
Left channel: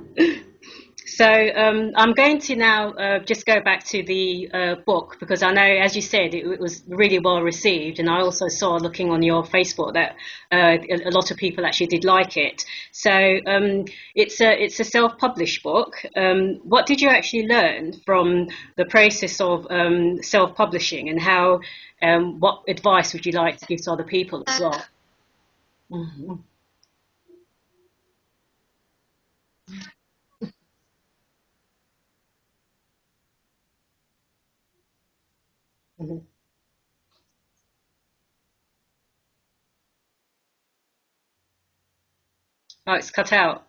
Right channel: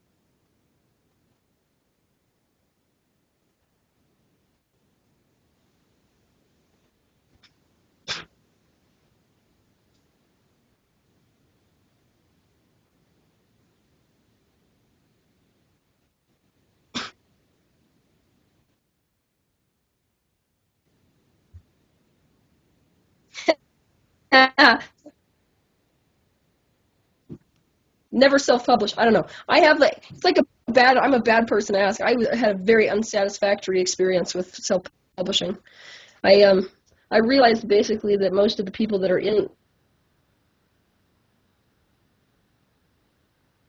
So I'm going to now just go back to the book because I know, as you said, it was really well received, and I also saw looking on your Facebook that a lot of people actually did like it. So it's a self-published book. What did you actually learn from the process of self-publishing, and how? What advice would you like to give to other people? So. Mhm. Never self-publish. I don't know. It's like I'm a bad person to ask. Had a very unsatisfactory experience with self-publishing. Mhm. I um I realized basically that most of the people that are in Oh, it's cut out.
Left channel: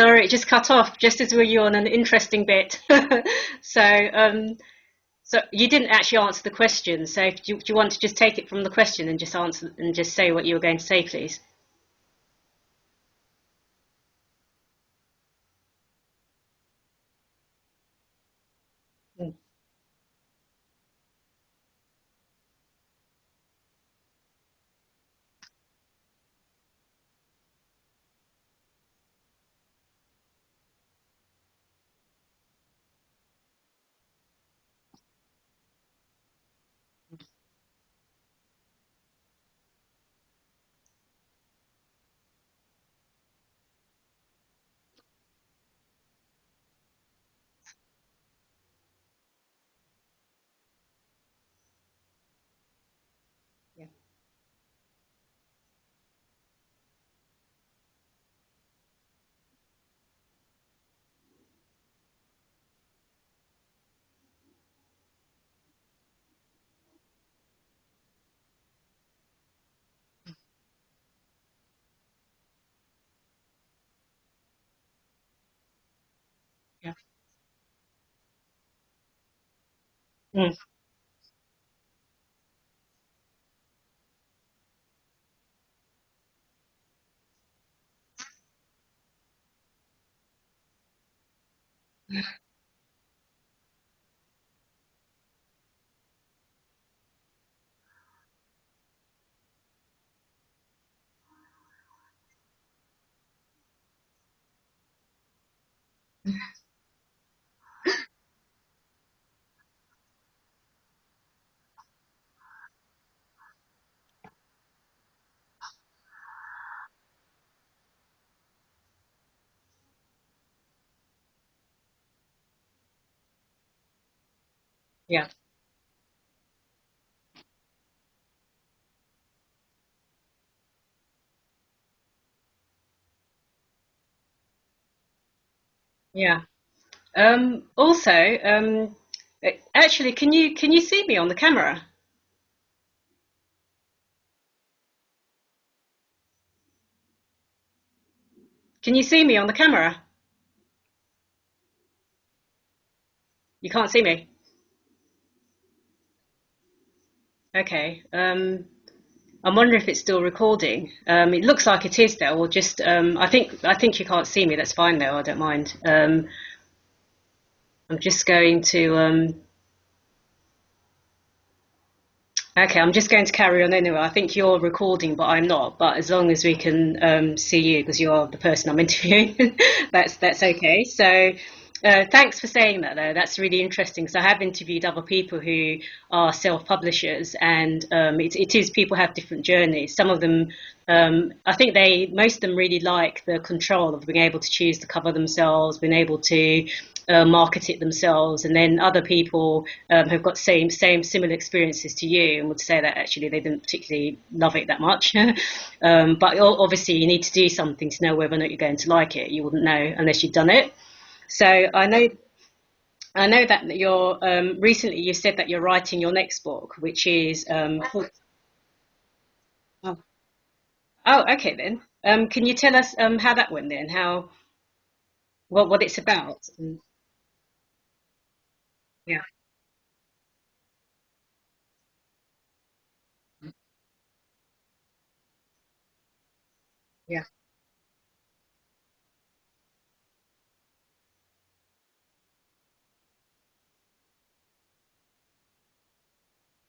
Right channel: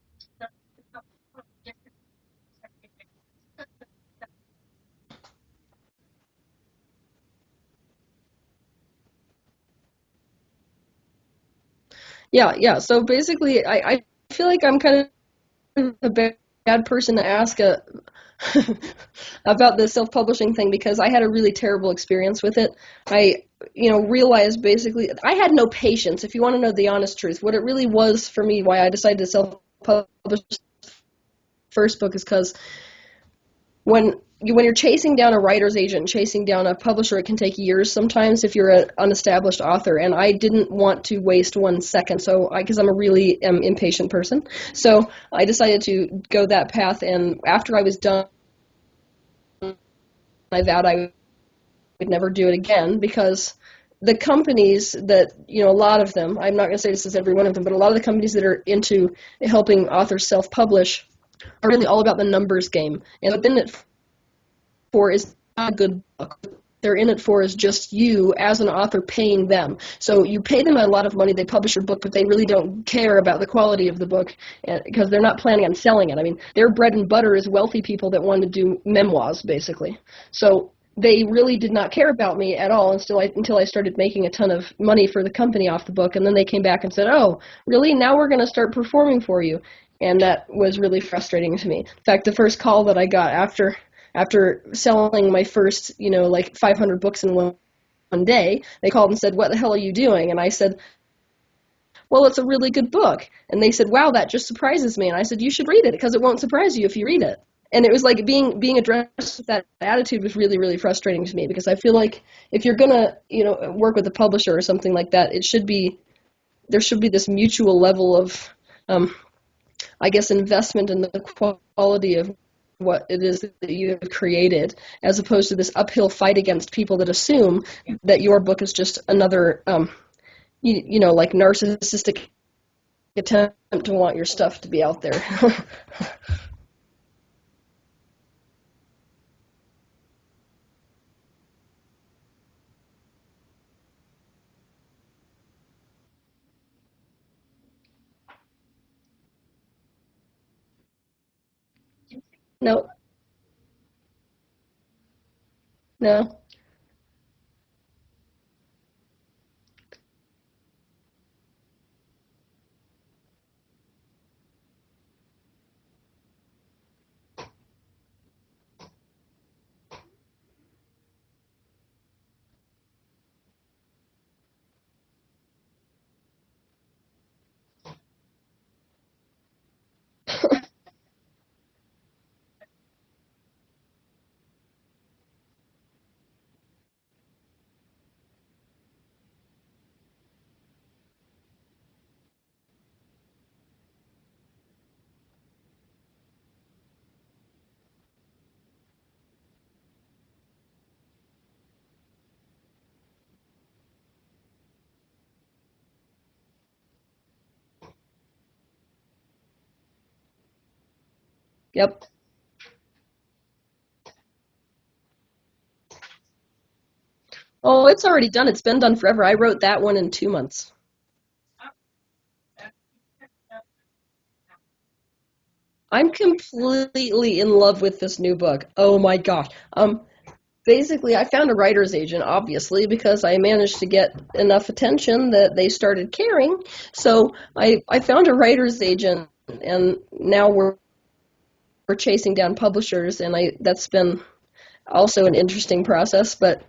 Sorry, it just cut off just as we were on an interesting bit. So, so you didn't actually answer the question. So, do you want to just take it from the question and just answer and just say what you were going to say, please? Yeah. So basically, I feel like I'm kind of a bad person to ask about the self-publishing thing because I had a really terrible experience with it. I, realized basically I had no patience. If you want to know the honest truth, what it really was for me, why I decided to self-publish the first book is because when you're chasing down a writer's agent, chasing down a publisher, it can take years sometimes if you're an unestablished author. And I didn't want to waste 1 second, because I'm a really impatient person. So I decided to go that path. And after I was done, I vowed I would never do it again because the companies that, a lot of them, I'm not going to say this is every one of them, but a lot of the companies that are into helping authors self-publish are really all about the numbers game. And what they're in it for is not a good book. They're in it for is just you as an author paying them. So you pay them a lot of money, they publish your book, but they really don't care about the quality of the book because they're not planning on selling it. I mean, their bread and butter is wealthy people that want to do memoirs, basically. So they really did not care about me at all until I started making a ton of money for the company off the book, and then they came back and said, "Oh, really? Now we're going to start performing for you." And that was really frustrating to me. In fact, the first call that I got after selling my first, 500 books in one day, they called and said, "What the hell are you doing?" And I said, "Well, it's a really good book." And they said, "Wow, that just surprises me." And I said, "You should read it because it won't surprise you if you read it." And it was like being addressed with that attitude was really, really frustrating to me because I feel like if you're going to, work with a publisher or something like that, there should be this mutual level of, I guess, investment in the quality of what it is that you have created, as opposed to this uphill fight against people that assume that your book is just another, like narcissistic attempt to want your stuff to be out there. Yeah. Also, actually, can you see me on the camera? Can you see me on the camera? No, You can't see me. no. Okay. I'm wondering if it's still recording. It looks like it is though. Or just I think you can't see me. That's fine though. I don't mind. I'm just going to okay. I'm just going to carry on anyway. I think you're recording, but I'm not. But as long as we can see you, because you're the person I'm interviewing, that's okay. So. Thanks for saying that, though. That's really interesting because I have interviewed other people who are self-publishers, and it is people have different journeys. Some of them, I think most of them really like the control of being able to choose the cover themselves, being able to market it themselves, and then other people have got similar experiences to you and would say that actually they didn't particularly love it that much. But obviously, you need to do something to know whether or not you're going to like it. You wouldn't know unless you've done it. So Yep. I know that you're recently you said that you're writing your next book, which is Oh, it's already done. It's been done forever. I wrote that one in 2 months. oh, okay then. Can you tell us how that went then? What it's I'm about? completely in love with this new book. Oh my Yeah, gosh. Basically, I found a writer's agent, obviously, because I managed to get enough attention that they started caring. yeah, So I found a writer's agent, and now we're chasing down publishers, and that's been also an interesting process, but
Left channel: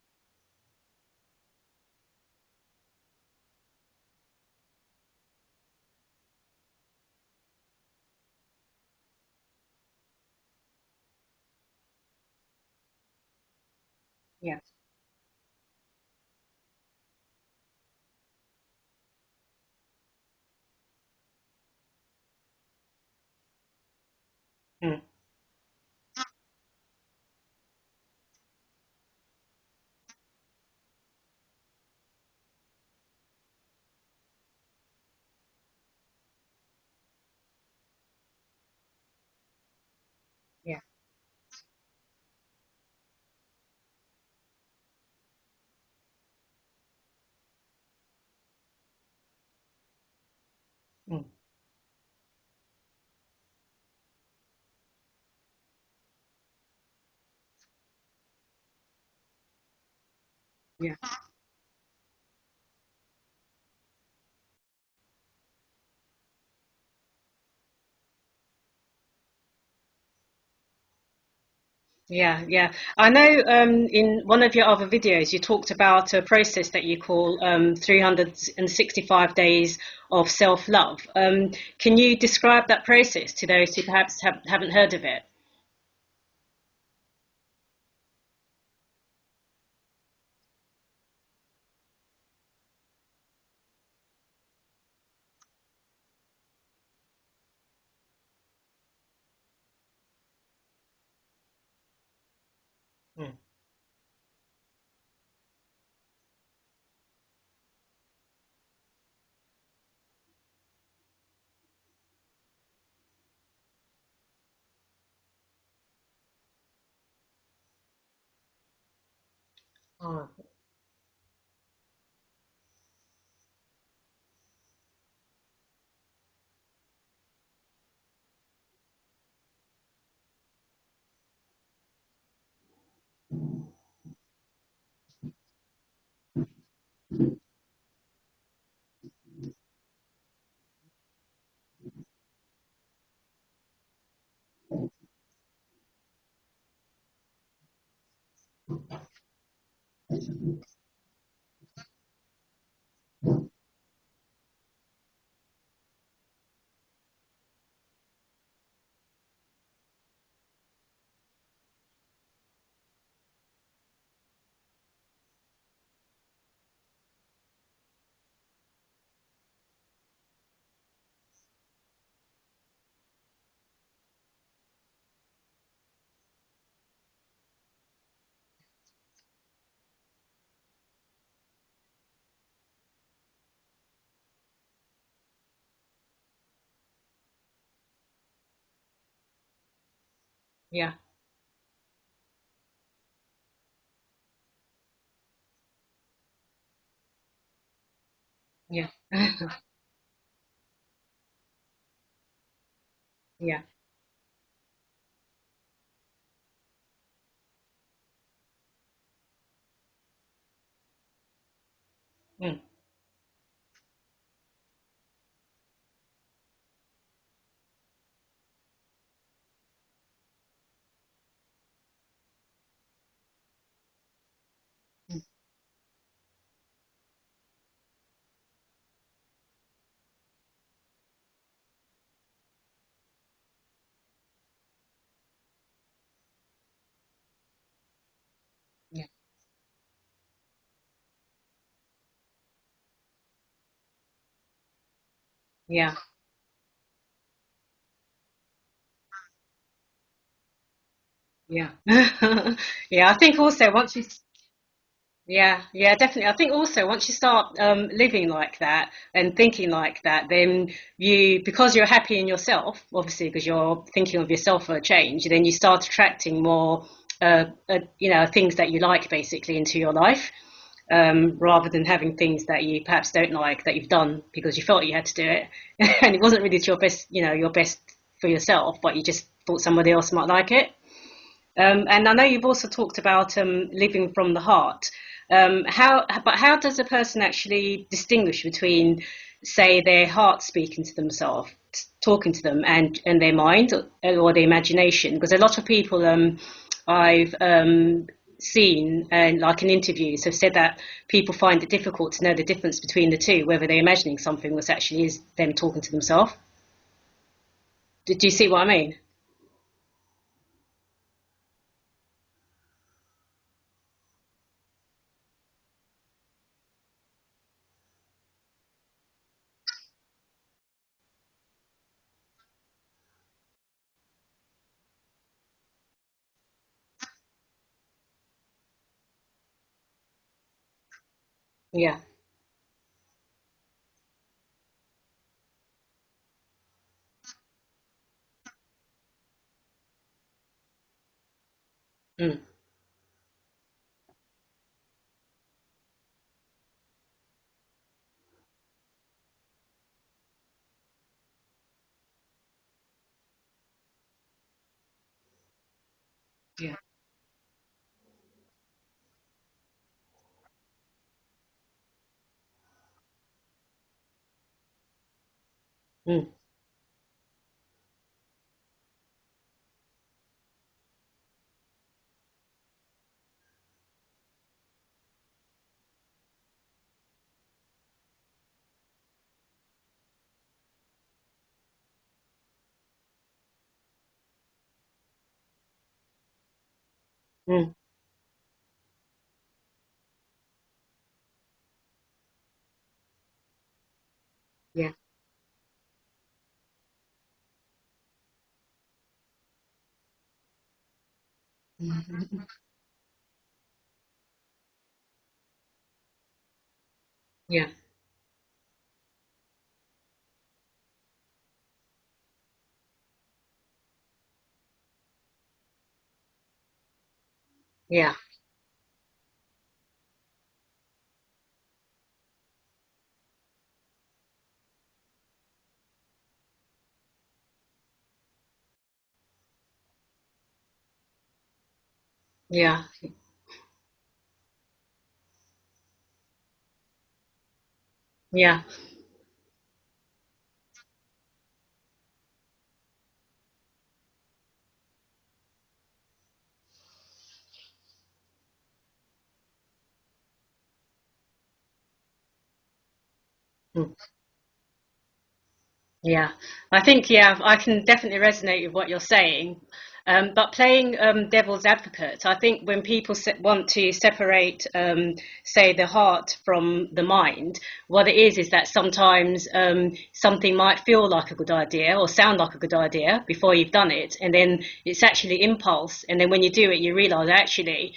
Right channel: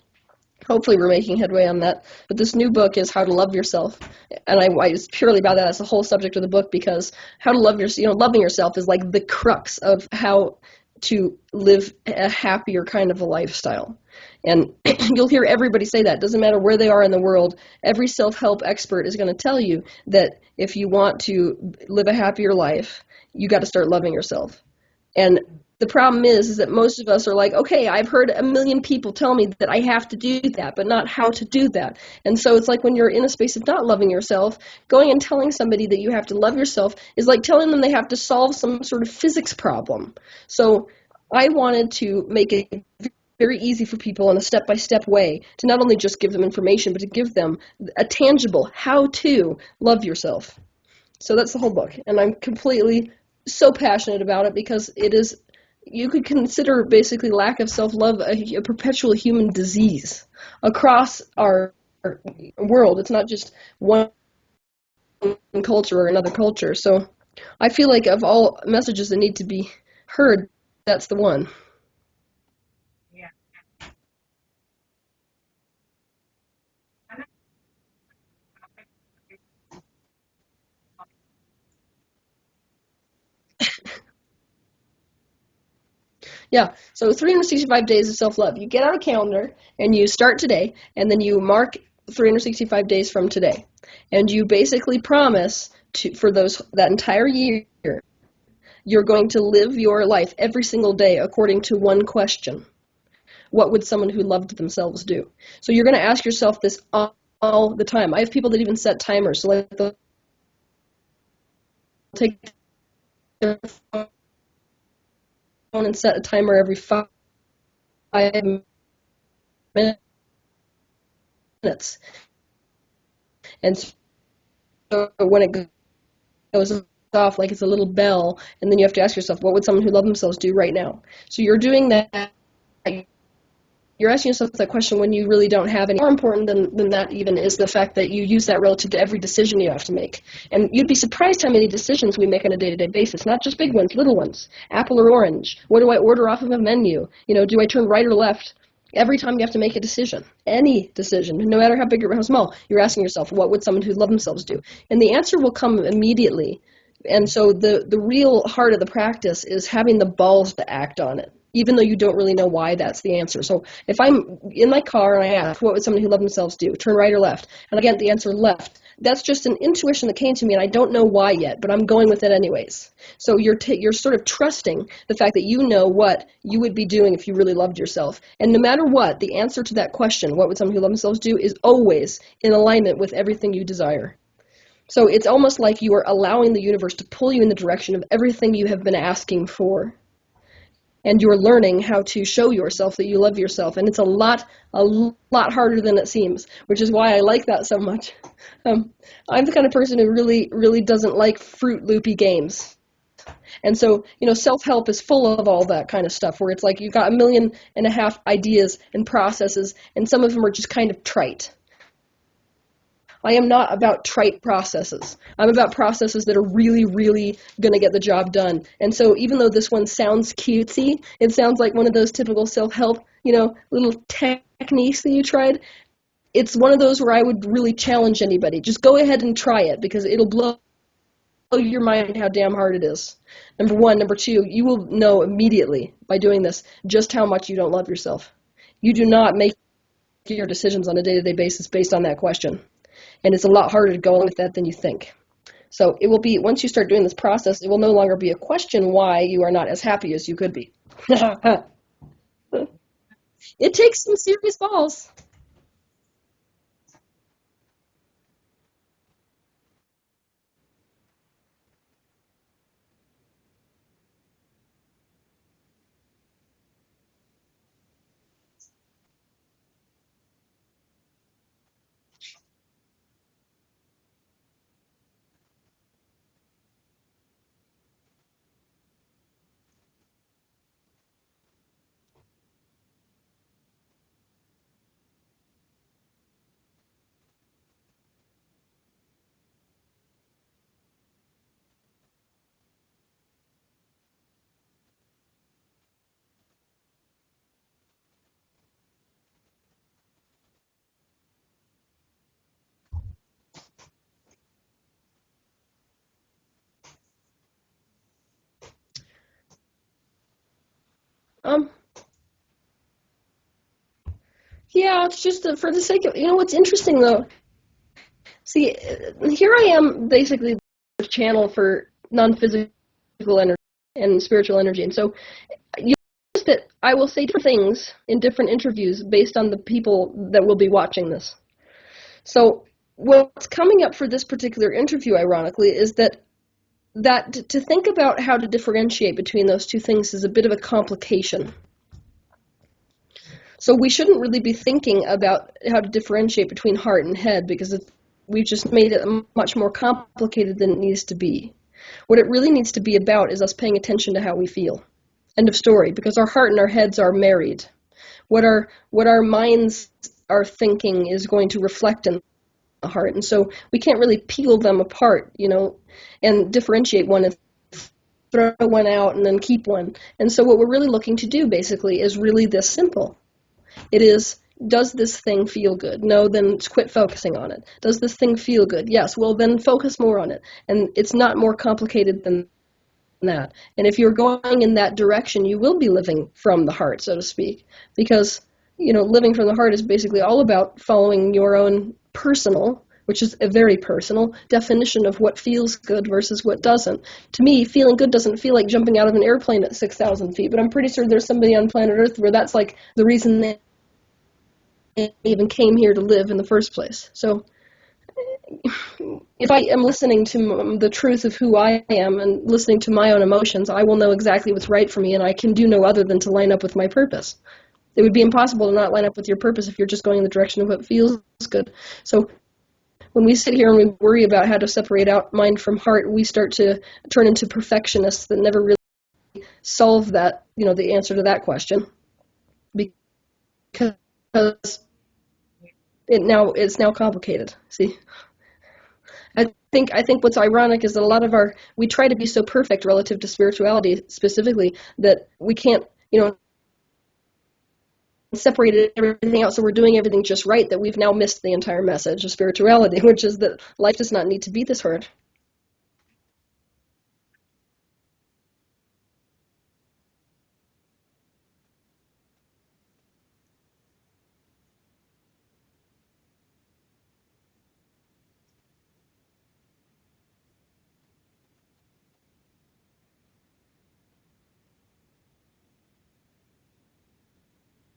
hopefully we're making headway on that. But this new book is How to Love Yourself, and it's purely about that. That's the whole subject of the book because how to love yourself, loving yourself is like the crux of how to live a happier kind of a lifestyle. And you'll hear everybody say that. Doesn't matter where they are in the world. Every self-help expert is going to tell you that if you want to live a happier life, you got to start loving yourself. mm, And the problem is that most of us are like, okay, I've heard a million people tell me that I have to do that, but not how to do that. And so it's like when you're in a space of not loving yourself, going and telling somebody that you have to love yourself is like telling them they have to solve some sort of physics problem. So I wanted to make it very easy for people in a step-by-step way to not only just give them information, but to give them a tangible how to love yourself. mm. So that's the whole book, and I'm completely so passionate about it because it is, you could consider basically lack of self-love a perpetual human disease across our world. It's not just one culture or another culture. So I feel like of all messages that need to be heard, that's the one. Yeah, yeah. I know in one of your other videos you talked about a process that you call 365 days of self-love. Can you describe that process to those who perhaps haven't heard of it? Yeah, so 365 days of self-love. You get out a calendar and you start today, and then you mark 365 days from today. And you basically promise to, for that entire year, you're going to live your life every single day according to one question. Hmm. What would someone who loved themselves do? So you're going to ask yourself this all the time. I have people that even set timers. So like they'll take their phone and set a timer every 5 minutes. Oh, And so when it goes off, like it's a little bell, and then you have to ask yourself, what would someone who loved themselves do right now? So you're doing that. You're asking yourself that question when you really don't have any. More important than that even is the fact that you use that relative to every decision you have to make. And you'd be surprised how many decisions we make on a day-to-day basis, not just big ones, little ones. Apple or orange? What do I order off of a menu? Do I turn right or left? Every time you have to make a decision, any decision, no matter how big or how small, you're asking yourself, what would someone who loved themselves do? And the answer will come immediately. And so the real heart of the practice is having the balls to act on it, even though you don't really know why that's the answer. So if I'm in my car and I ask, what would somebody who loved themselves do? Turn right or left? And I get the answer left. That's just an intuition that came to me, and I don't know why yet, but I'm going with it anyways. So you're sort of trusting the fact that you know what you would be doing if you really loved yourself. And no matter what, the answer to that question, what would someone who loved themselves do, is always in alignment with everything you desire. So it's almost like you are allowing the universe to pull you in the direction of everything you have been asking for. yeah, And you're learning how to show yourself that you love yourself. And it's a lot harder than it seems, which is why I like that so much. yeah, I'm the kind of person who really doesn't like Fruit Loopy games. yeah. And so, self-help is full of all that kind of stuff where it's like you've got 1.5 million ideas and processes, and some of them are just kind of trite. Mm. I am not about trite processes. I'm about processes that are really, really going to get the job done. And so even though this one sounds cutesy, it sounds like one of those typical self-help, little techniques that you tried. It's one of those where I would really challenge anybody. Just go ahead and try it because it'll blow your mind how damn hard it is. Number one. Number two, you will know immediately by doing this just how much you don't love yourself. You do not make your decisions on a day-to-day basis based on that question. And it's a lot harder to go on with that than you think. Yeah. So it will be, once you start doing this process, it will no longer be a question why you are not as happy as you could be. Yeah. Yeah, I think also It once takes you, some serious balls. yeah, yeah, definitely. I think also once you start living like that and thinking like that, then because you're happy in yourself, obviously because you're thinking of yourself for a change, then you start attracting more, things that you like basically into your life, rather than having things that you perhaps don't like that you've done because you felt you had to do it, and it wasn't really your best for yourself, but you just thought somebody else might like it. And I know you've also talked about living from the heart. How does a person actually distinguish between, say, their heart speaking to themselves, talking to them, and their mind or their imagination? Because a lot of people I've seen and like in interviews have said that people find it difficult to know the difference between the two, whether they're imagining something that actually is them talking to themselves. Do you see what I mean? Um, yeah, it's just for the sake of, what's interesting though, see, here I am basically the channel for non-physical energy and spiritual energy. And so you notice that I will say different things in different interviews based on the people that will be watching this. Yeah. So what's coming up for this particular interview, ironically, is that to think about how to differentiate between those two things is a bit of a complication. Mm. So we shouldn't really be thinking about how to differentiate between heart and head because we've just made it much more complicated than it needs to be. What it really needs to be about is us paying attention to how we feel. End of story, because our heart and our heads are married. What our minds are thinking is going to reflect in the heart. And so we can't really peel them apart, and differentiate one and throw one out and then keep one. And so what we're really looking to do basically is really this simple. It is, does this thing feel good? No, then quit focusing on it. Does this thing feel good? Yes, well then focus more on it. And it's not more complicated than that. And if you're going in that direction, you will be living from the heart, so to speak. Because, living from the heart is basically all about following your own personal, which is a very personal definition of what feels good versus what doesn't. To me, feeling good doesn't feel like jumping out of an airplane at 6,000 feet, but I'm pretty sure there's somebody on planet Earth where that's like the reason they even came here to live in the first place. So if I am listening to the truth of who I am and listening to my own emotions, I will know exactly what's right for me, and I can do no other than to line up with my purpose. It would be impossible to not line up with your purpose if you're just going in the direction of what feels good. So when we sit here and we worry about how to separate out mind from heart, we start to turn into perfectionists that never really solve that, the answer to that question. Yeah. Because it's now complicated. See? Yeah. I think what's ironic is that a lot of we try to be so perfect relative to spirituality specifically that we can't, separate everything out, so we're doing everything just right, that we've now missed the entire message of spirituality, which is that life does not need to be this hard. Yeah, I think, I can definitely resonate with what you're saying. But playing devil's advocate, I think when people want to separate, say, the heart from the mind, what it is that sometimes something might feel like a good idea or sound like a good idea before you've done it, and then it's actually impulse, and then when you do it, you realize actually,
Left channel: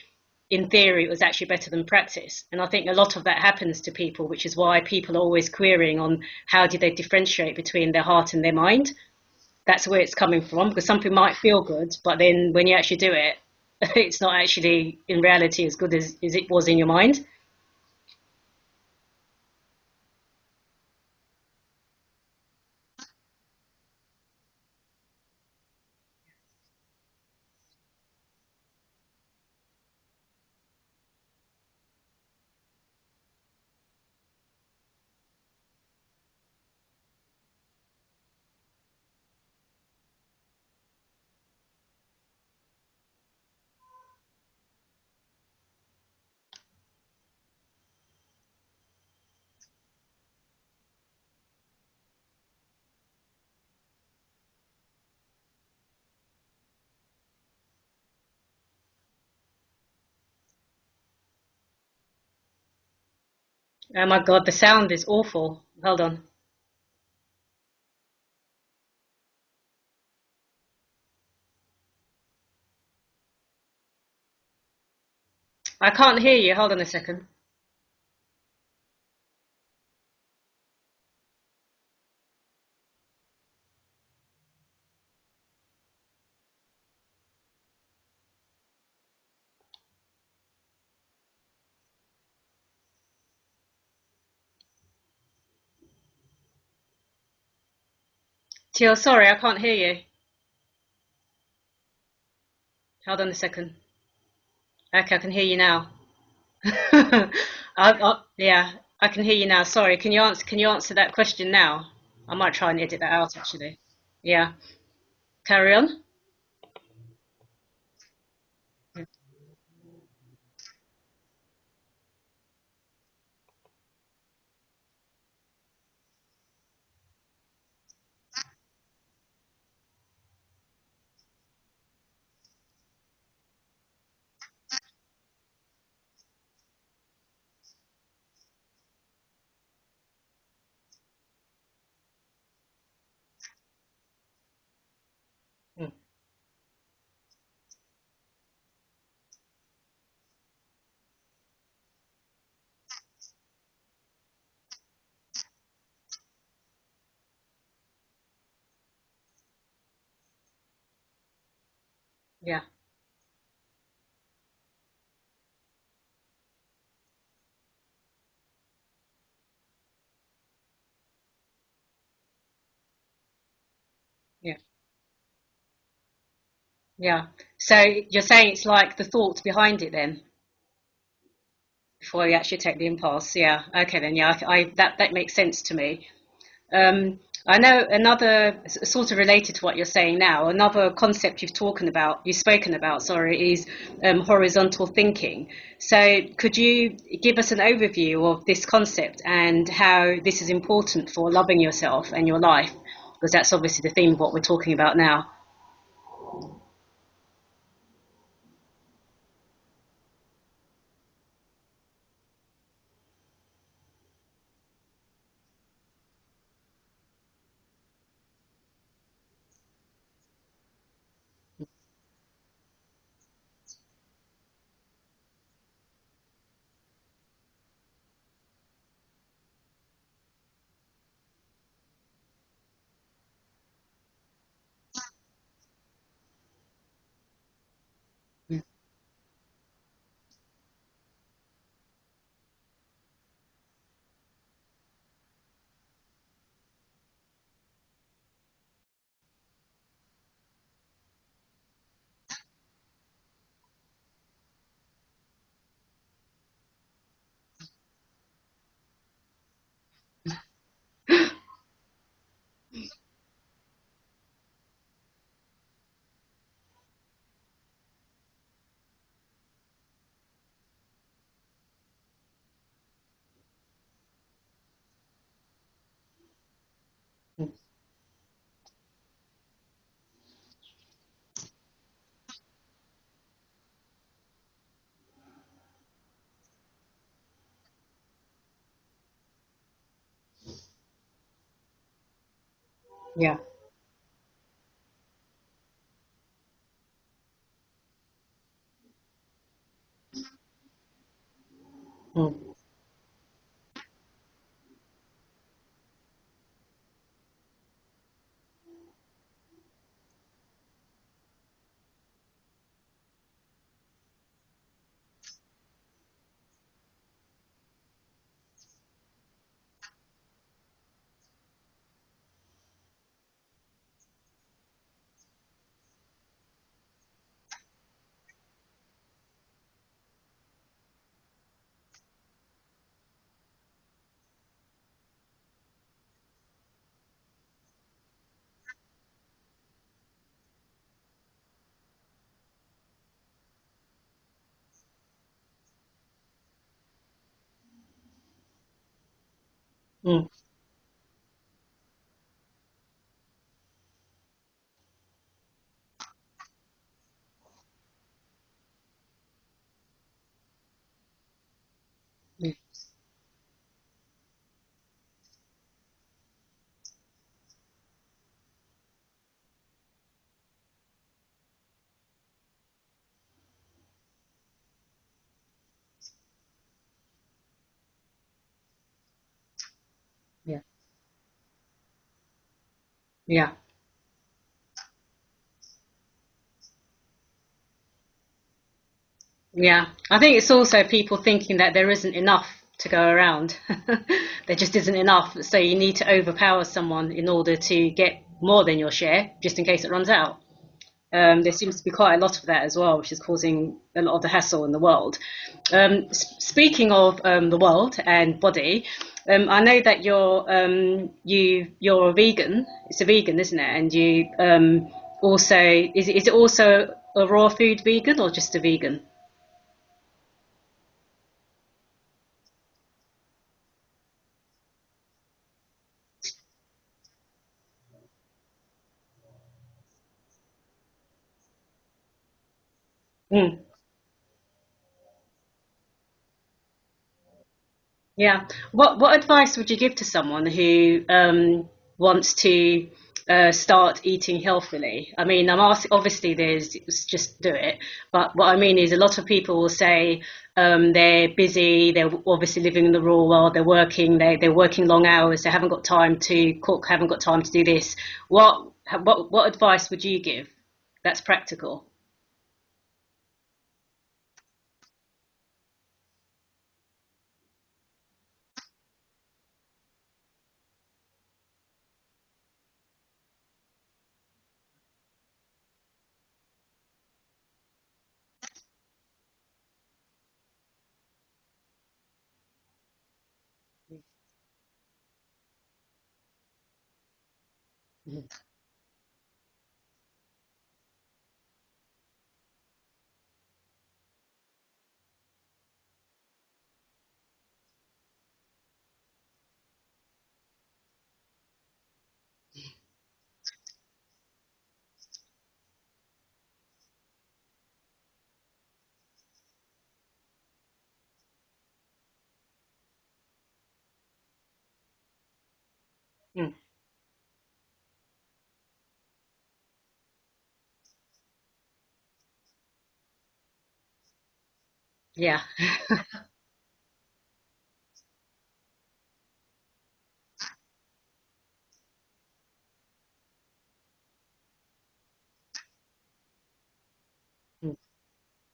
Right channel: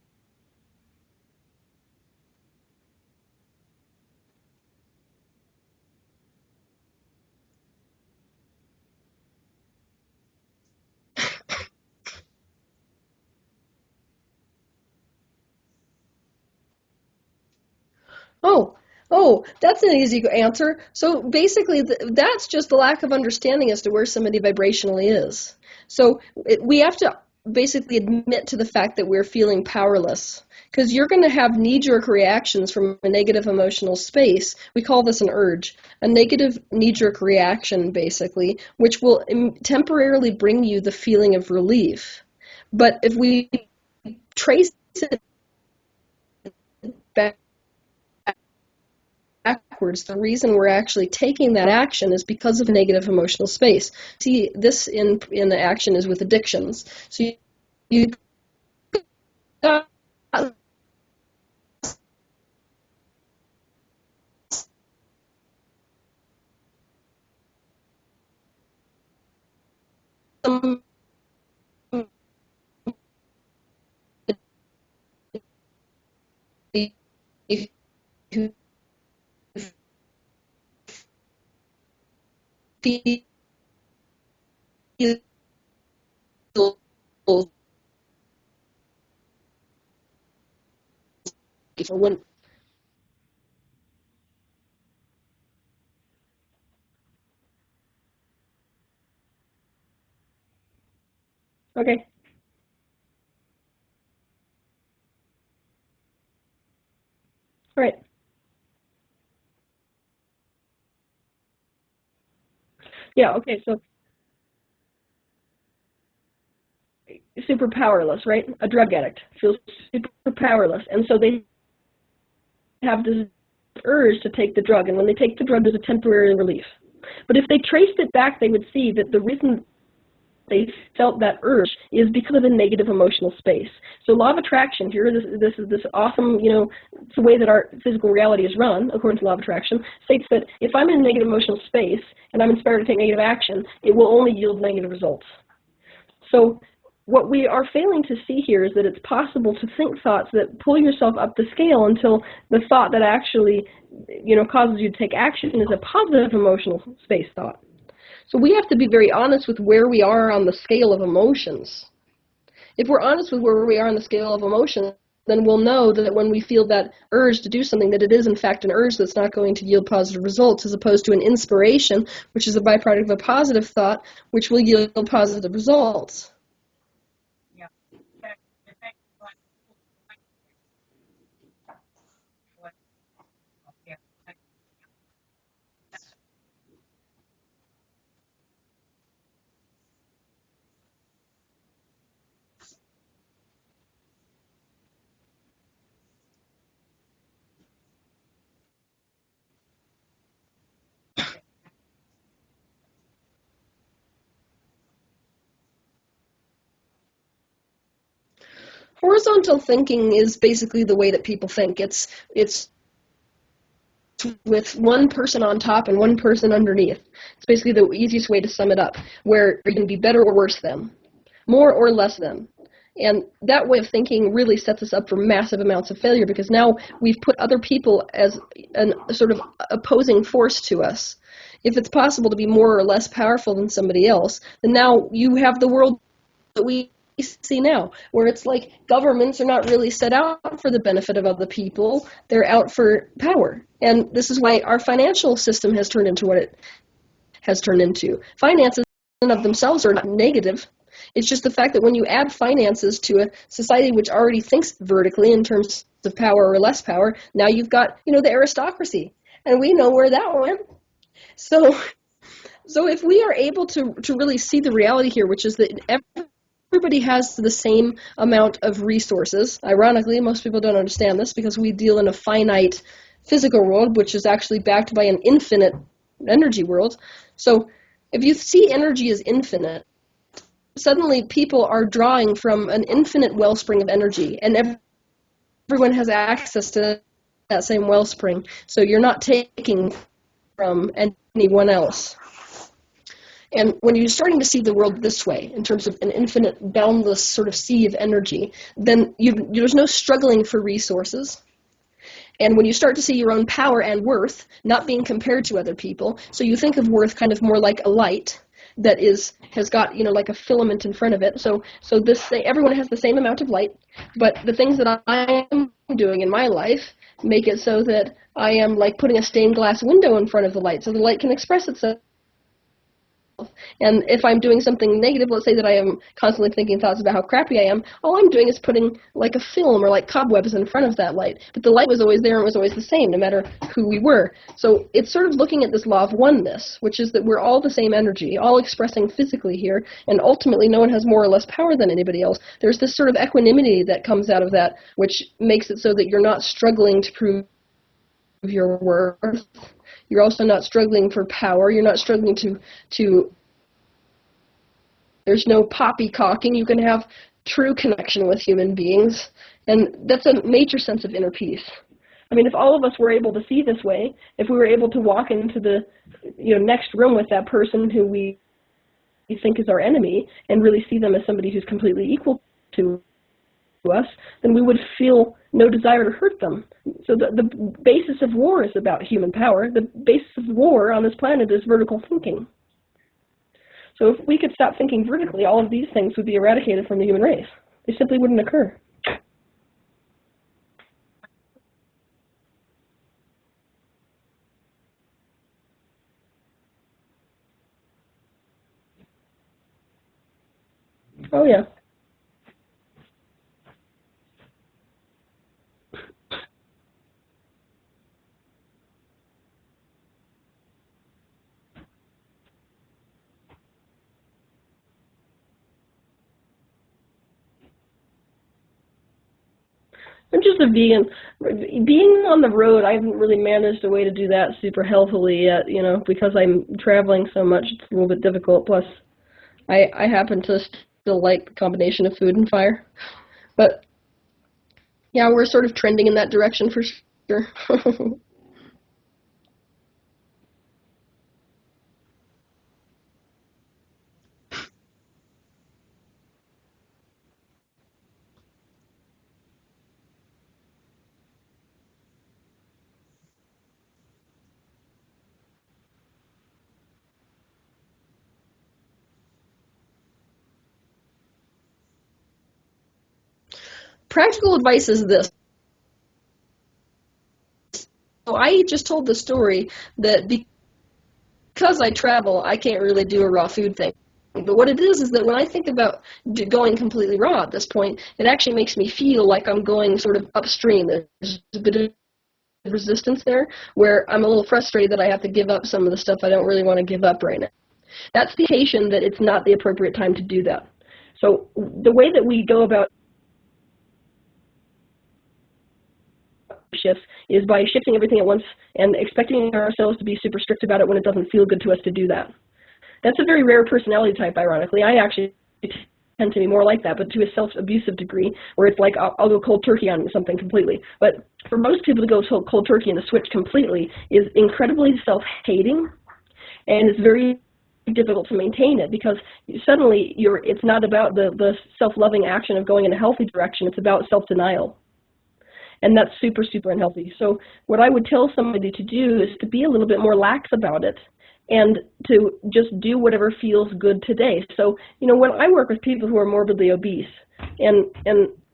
in theory, it was actually better than practice. And I think a lot of that happens to people, which is why people are always querying on how do they differentiate between their heart and their mind. That's where it's coming from, because something might feel good, but then when you actually do it, it's not actually in reality as good as it was in your mind. Oh, that's an easy answer. So basically, that's just the lack of understanding as to where somebody vibrationally is. So we have to basically admit to the fact that we're feeling powerless, because you're going to have knee-jerk reactions from a negative emotional space. We call this an urge, a negative knee-jerk reaction, basically, which will temporarily bring you the feeling of relief. But if we trace it backwards, the reason we're actually taking that action is because of negative emotional space. See, this in the action is with addictions. So you Oh my God, the sound is awful. Hold on. I can't hear you. Hold on a second. Teal, sorry, I can't hear you. Okay. Hold on a second. Okay, I can hear you now. Right. I can hear you now. Sorry, can you answer that question now? I might try and edit that Yeah, out okay, actually. so Yeah. Carry on. super powerless, right? A drug addict feels super powerless, and so they have this urge to take the drug, and when they take the drug, there's a temporary relief. But if they traced it back, they would see that the reason they felt that urge is because of a negative emotional space. So law of attraction here, this is this awesome, it's the way that our physical reality is run, according to law of attraction, states that if I'm in a negative emotional space and I'm inspired to take negative action, it will only yield negative results. So what we are failing to see here is that it's possible to think thoughts that pull yourself up the scale until the thought that actually, causes you to take action is a positive emotional space thought. So we have to be very honest with where we are on the scale of emotions. Yeah. If we're honest with where we are on the scale of emotions, then we'll know that when we feel that urge to do something, that it is in fact an urge that's not going to yield positive results, as opposed to an inspiration, which is a byproduct of a positive thought, which will yield positive results. Yeah. So you're saying it's like the thought behind it then, before you actually take the impulse. Yeah. Okay then. Yeah. That makes sense to me. I know another sort of related to what you're saying now. Another concept you've spoken about, is horizontal thinking. So could you give us an overview of this concept and how this is important for loving yourself and your life? Because that's obviously the theme of what we're talking about now. Horizontal thinking is basically the way that people think. It's with one person on top and one person underneath. It's basically the easiest way to sum it up, where you can be better or worse than, more or less than. And that way of thinking really sets us up for massive amounts of failure, because now we've put other people as a sort of opposing force to us. If it's possible to be more or less powerful than somebody else, then now you have the world that we see now, where it's like governments are not really set out for the benefit of other people, they're out for power. And this is why our financial system has turned into what it has turned into. Finances in and of themselves are not negative. It's just the fact that when you add finances to a society which already thinks vertically in terms of power or less power, now you've got, the aristocracy. And we know where that went. So if we are able to really see the reality here, which is that everybody has the same amount of resources. Ironically, most people don't understand this because we deal in a finite physical world, which is actually backed by an infinite energy world. So if you see energy as infinite, suddenly people are drawing from an infinite wellspring of energy, and everyone has access to that same wellspring. So you're not taking from anyone else. Yeah. And when you're starting to see the world this way, in terms of an infinite, boundless sort of sea of energy, then there's no struggling for resources. And when you start to see your own power and worth not being compared to other people, so you think of worth kind of more like a light that has got, like a filament in front of it. So this thing, everyone has the same amount of light, but the things that I am doing in my life make it so that I am like putting a stained glass window in front of the light, so the light can express itself. And if I'm doing something negative, let's say that I am constantly thinking thoughts about how crappy I am, all I'm doing is putting like a film or like cobwebs in front of that light. But the light was always there and was always the same, no matter who we were. So it's sort of looking at this law of oneness, which is that we're all the same energy, all expressing physically here, and ultimately no one has more or less power than anybody else. There's this sort of equanimity that comes out of that, which makes it so that you're not struggling to prove your worth. You're also not struggling for power. You're not struggling to there's no poppycocking. You can have true connection with human beings. And that's a major sense of inner peace. I mean, if all of us were able to see this way, if we were able to walk into the next room with that person who we think is our enemy and really see them as somebody who's completely equal to us, then we would feel no desire to hurt them. So the basis of war is about human power. The basis of war on this planet is vertical thinking. Yeah. So if we could stop thinking vertically, all of these things would be eradicated from the human race. They simply wouldn't occur. Yeah. I think it's also people thinking that there isn't enough to go around. There just isn't enough. So you need to overpower someone in order to get more than your share, just in case it runs out. There seems to be quite a lot of that as well, which is causing a lot of the hassle in the world. Speaking of the world and body, I know that you're a vegan. It's a vegan, isn't it? And you also is it also a raw food vegan or just a vegan? I'm just a vegan. Being on the road, I haven't really managed a way to do that super healthily yet. Because I'm traveling so much, it's a little bit difficult. Plus, I happen to still like the combination of food and fire. But yeah, we're sort of trending in that direction for sure. Yeah. What advice would you give to someone who wants to start eating healthily? I mean, I'm asking, obviously there's just do it, but what I mean is a lot of people will say they're busy, they're obviously living in the rural world, they're working long hours, they haven't got time to cook, haven't got time to do this. What advice would you give that's practical? practical advice is this. So I just told the story that because I travel, I can't really do a raw food thing. But what it is that when I think about going completely raw at this point, it actually makes me feel like I'm going sort of upstream. There's a bit of resistance there where I'm a little frustrated that I have to give up some of the stuff I don't really want to give up right now. That's the indication that it's not the appropriate time to do that. So the way that we go about shifts is by shifting everything at once and expecting ourselves to be super strict about it when it doesn't feel good to us to do that. That's a very rare personality type, ironically. I actually tend to be more like that, but to a self-abusive degree, where it's like I'll go cold turkey on something completely. But for most people to go cold turkey and to switch completely is incredibly self-hating, and it's very difficult to maintain it because suddenly it's not about the self-loving action of going in a healthy direction. It's about self-denial. Yeah. And that's super, super unhealthy. So what I would tell somebody to do is to be a little bit more lax about it and to just do whatever feels good today. So, when I work with people who are morbidly obese, and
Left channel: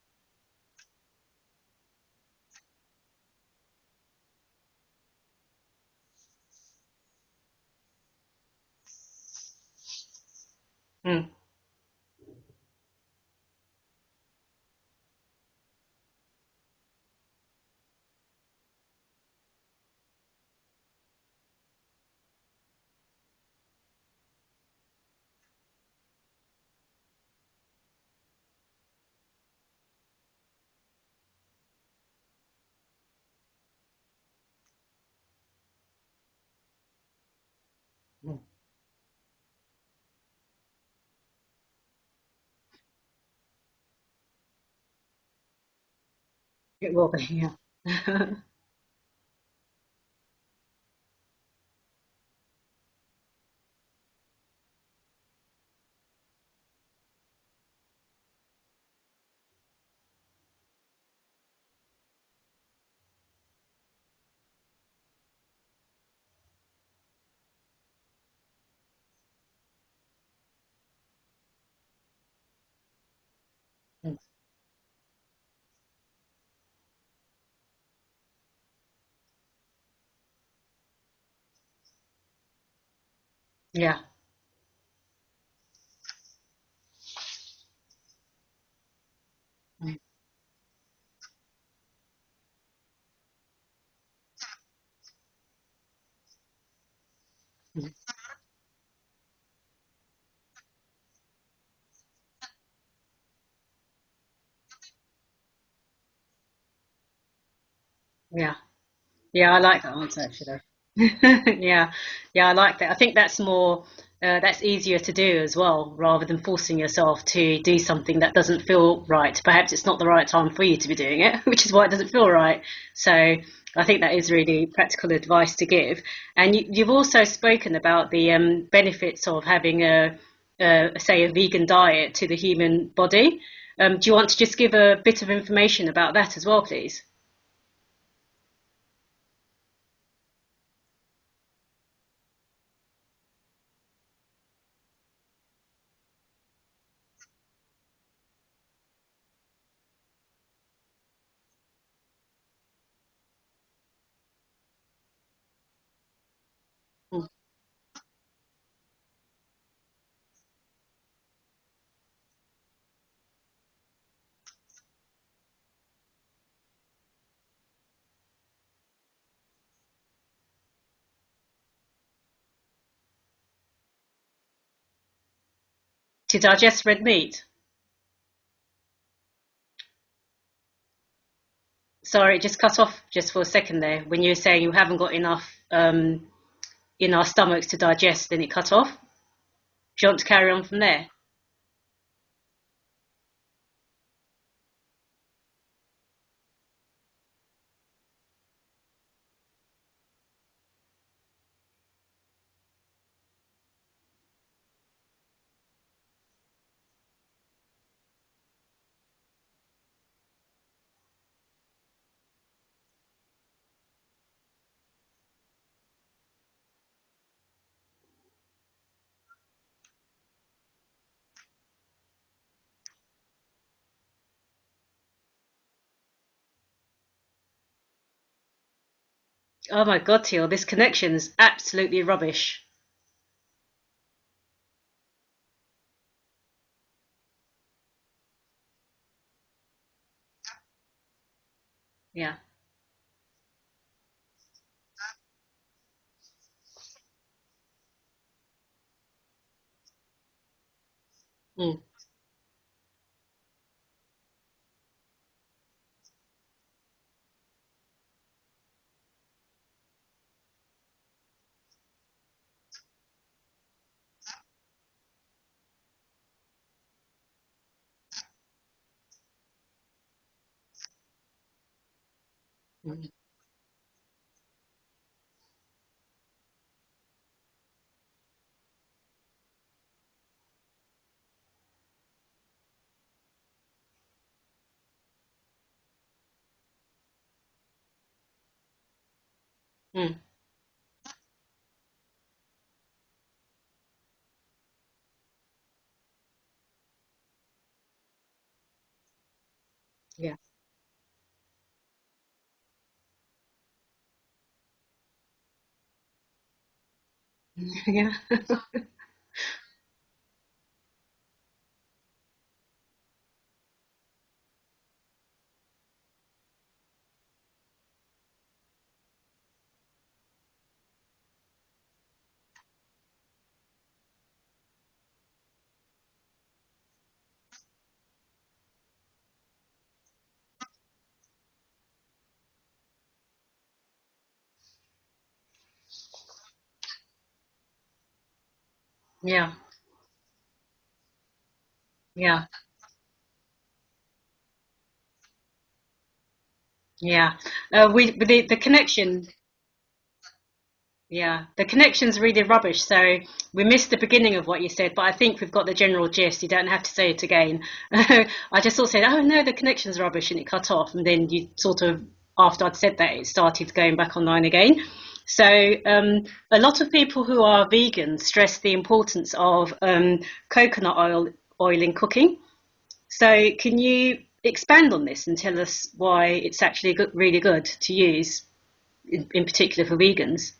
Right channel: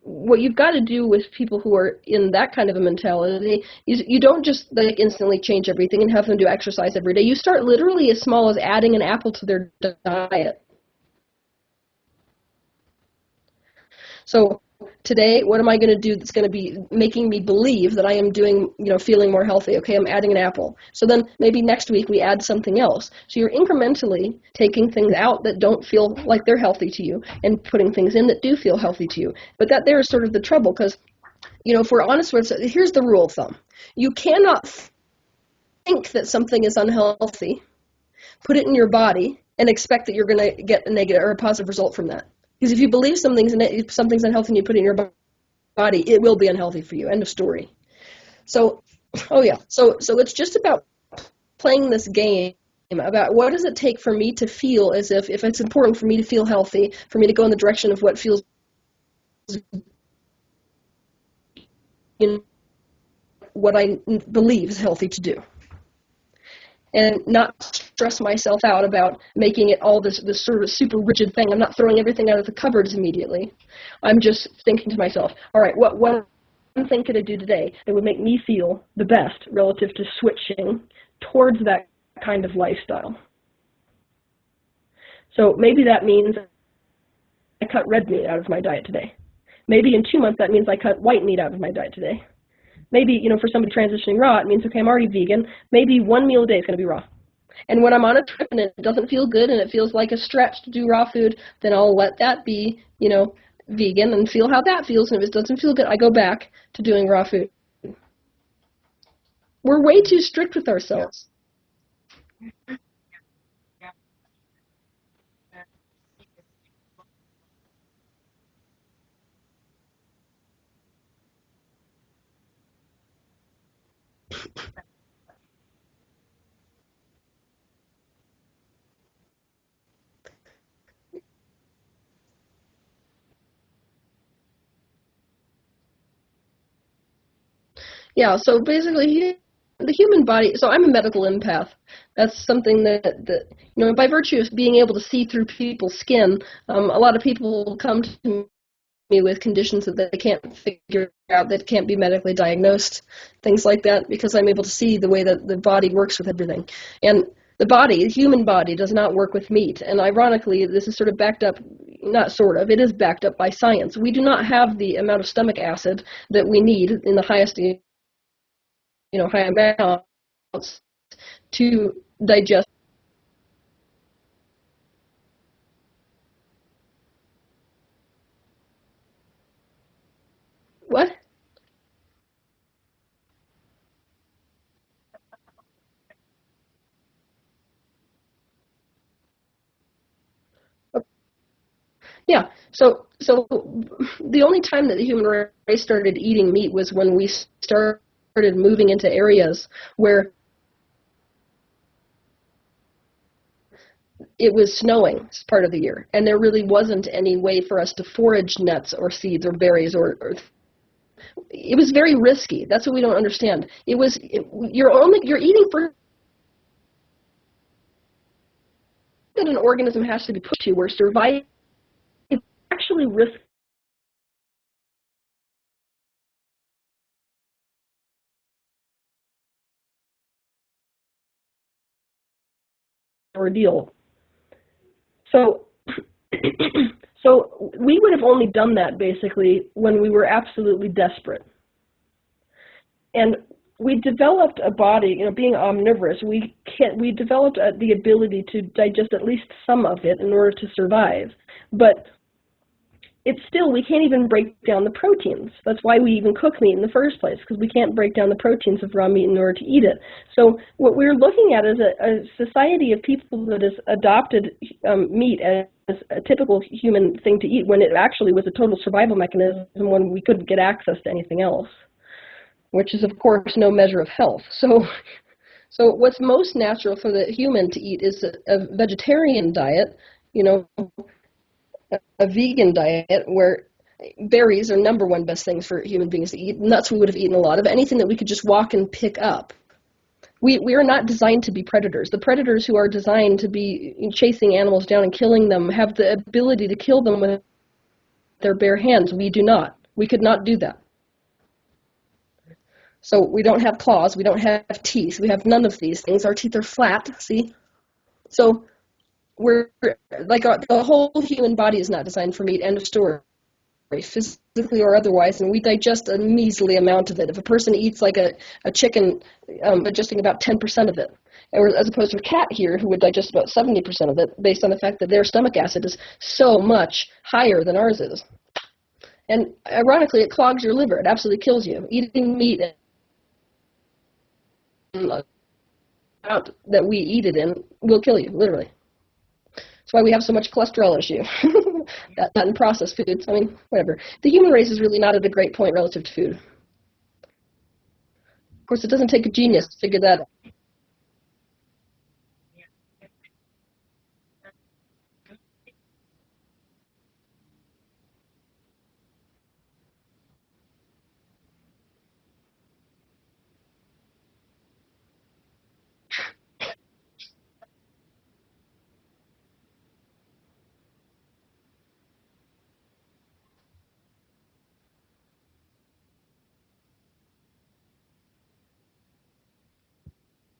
what you've got to do with people who are in that kind of a mentality is you don't just like instantly change everything and have them do exercise every day. You start literally as small as adding an apple to their diet. So today, what am I going to do that's going to be making me believe that I am doing, feeling more healthy? Okay, I'm adding an apple. So then maybe next week we add something else. So you're incrementally taking things out that don't feel like they're healthy to you and putting things in that do feel healthy to you. But that there is sort of the trouble because, if we're honest with it, here's the rule of thumb. You cannot think that something is unhealthy, put it in your body, and expect that you're going to get a negative or a positive result from that. Because if you believe something's unhealthy and you put it in your body, it will be unhealthy for you. End of story. So it's just about playing this game about what does it take for me to feel as if it's important for me to feel healthy, for me to go in the direction of what feels what I believe is healthy to do. And not stress myself out about making it all this sort of super rigid thing. I'm not throwing everything out of the cupboards immediately. I'm just thinking to myself, all right, what one thing could I do today that would make me feel the best relative to switching towards that kind of lifestyle? Yeah. So maybe that means I cut red meat out of my diet today. Maybe in 2 months that means I cut white meat out of my diet today. Maybe, for somebody transitioning raw, it means, okay, I'm already vegan. Maybe one meal a day is going to be raw. And when I'm on a trip and it doesn't feel good and it feels like a stretch to do raw food, then I'll let that be, vegan and feel how that feels. And if it doesn't feel good, I go back to doing raw food. Yeah. Yeah, I like We're way too strict with ourselves. Yeah, I like that. I think that's more, that's easier to do as well, rather than forcing yourself to do something that doesn't feel right. Perhaps it's not the right time for you to be doing it, which is why it doesn't feel right. So I think that is really practical advice to give. And you've also spoken about the benefits of having say, a vegan diet to the human body. Do you want to just give a bit of information about that as well, please? Yeah, so basically the human body, so I'm a medical empath. That's something that by virtue of being able to see through people's skin, a lot of people come to me with conditions that they can't figure out, that can't be medically diagnosed, things like that, because I'm able to see the way that the body works with everything. And the human body does not work with meat. And ironically, this is sort of backed up, not sort of, it is backed up by science. We do not have the amount of stomach acid that we need in the highest high amounts to digest. To digest red meat? What? Sorry, it just cut off just for a second there. When you were saying you haven't got enough in our stomachs to digest, then it cut off. Do you want to carry on from there? Yeah. So the only time that the human race started eating meat was when we started moving into areas where it was snowing part of the year, and there really wasn't any way for us to forage nuts or seeds or berries or it was very risky. That's what we don't understand. You're eating for that an organism has to be put to where survival is actually risky Oh my God, Teal, this connection's absolutely rubbish. ordeal. So, so we would have only done that basically when we were absolutely desperate. Yeah. And we developed a body, being omnivorous, we developed the ability to digest at least some of it in order to survive. But it's still, we can't even break down the proteins. That's why we even cook meat in the first place, because we can't break down the proteins of raw meat in order to eat it. So what we're looking at is a society of people that has adopted meat as a typical human thing to eat, when it actually was a total survival mechanism when we couldn't get access to anything else, which is, of course, no measure of health. So what's most natural for the human to eat is a vegetarian diet, a vegan diet where berries are number one best things for human beings to eat. Nuts we would have eaten a lot of. Anything that we could just walk and pick up. We are not designed to be predators. The predators who are designed to be chasing animals down and killing them have the ability to kill them with their bare hands. We do not. We could not do that. So we don't have claws. We don't have teeth. We have none of these things. Our teeth are flat, see? Yeah. So we're like the whole human body is not designed for meat, end of story, physically or otherwise, and we digest a measly amount of it. If a person eats like a chicken, digesting about 10% of it, as opposed to a cat here who would digest about 70% of it, based on the fact that their stomach acid is so much higher than ours is. And ironically, it clogs your liver. It absolutely kills you. Eating meat that we eat it in will kill you, literally. Yeah. That's why we have so much cholesterol issue. That and processed foods. I mean, whatever. The human race is really not at a great point relative to food. Yeah. The connection. It doesn't take a genius to figure that out. Yeah, the connection's really rubbish. So we missed the beginning of what you said, but I think we've got the general gist. You don't have to say it again. I just sort of said, oh no, the connection's rubbish, and it cut off. And then you sort of, after I'd said that, it started going back online again. So a lot of people who are vegan stress the importance of coconut oil in cooking. So can you expand on this and tell us why it's actually really good to use, in particular for vegans?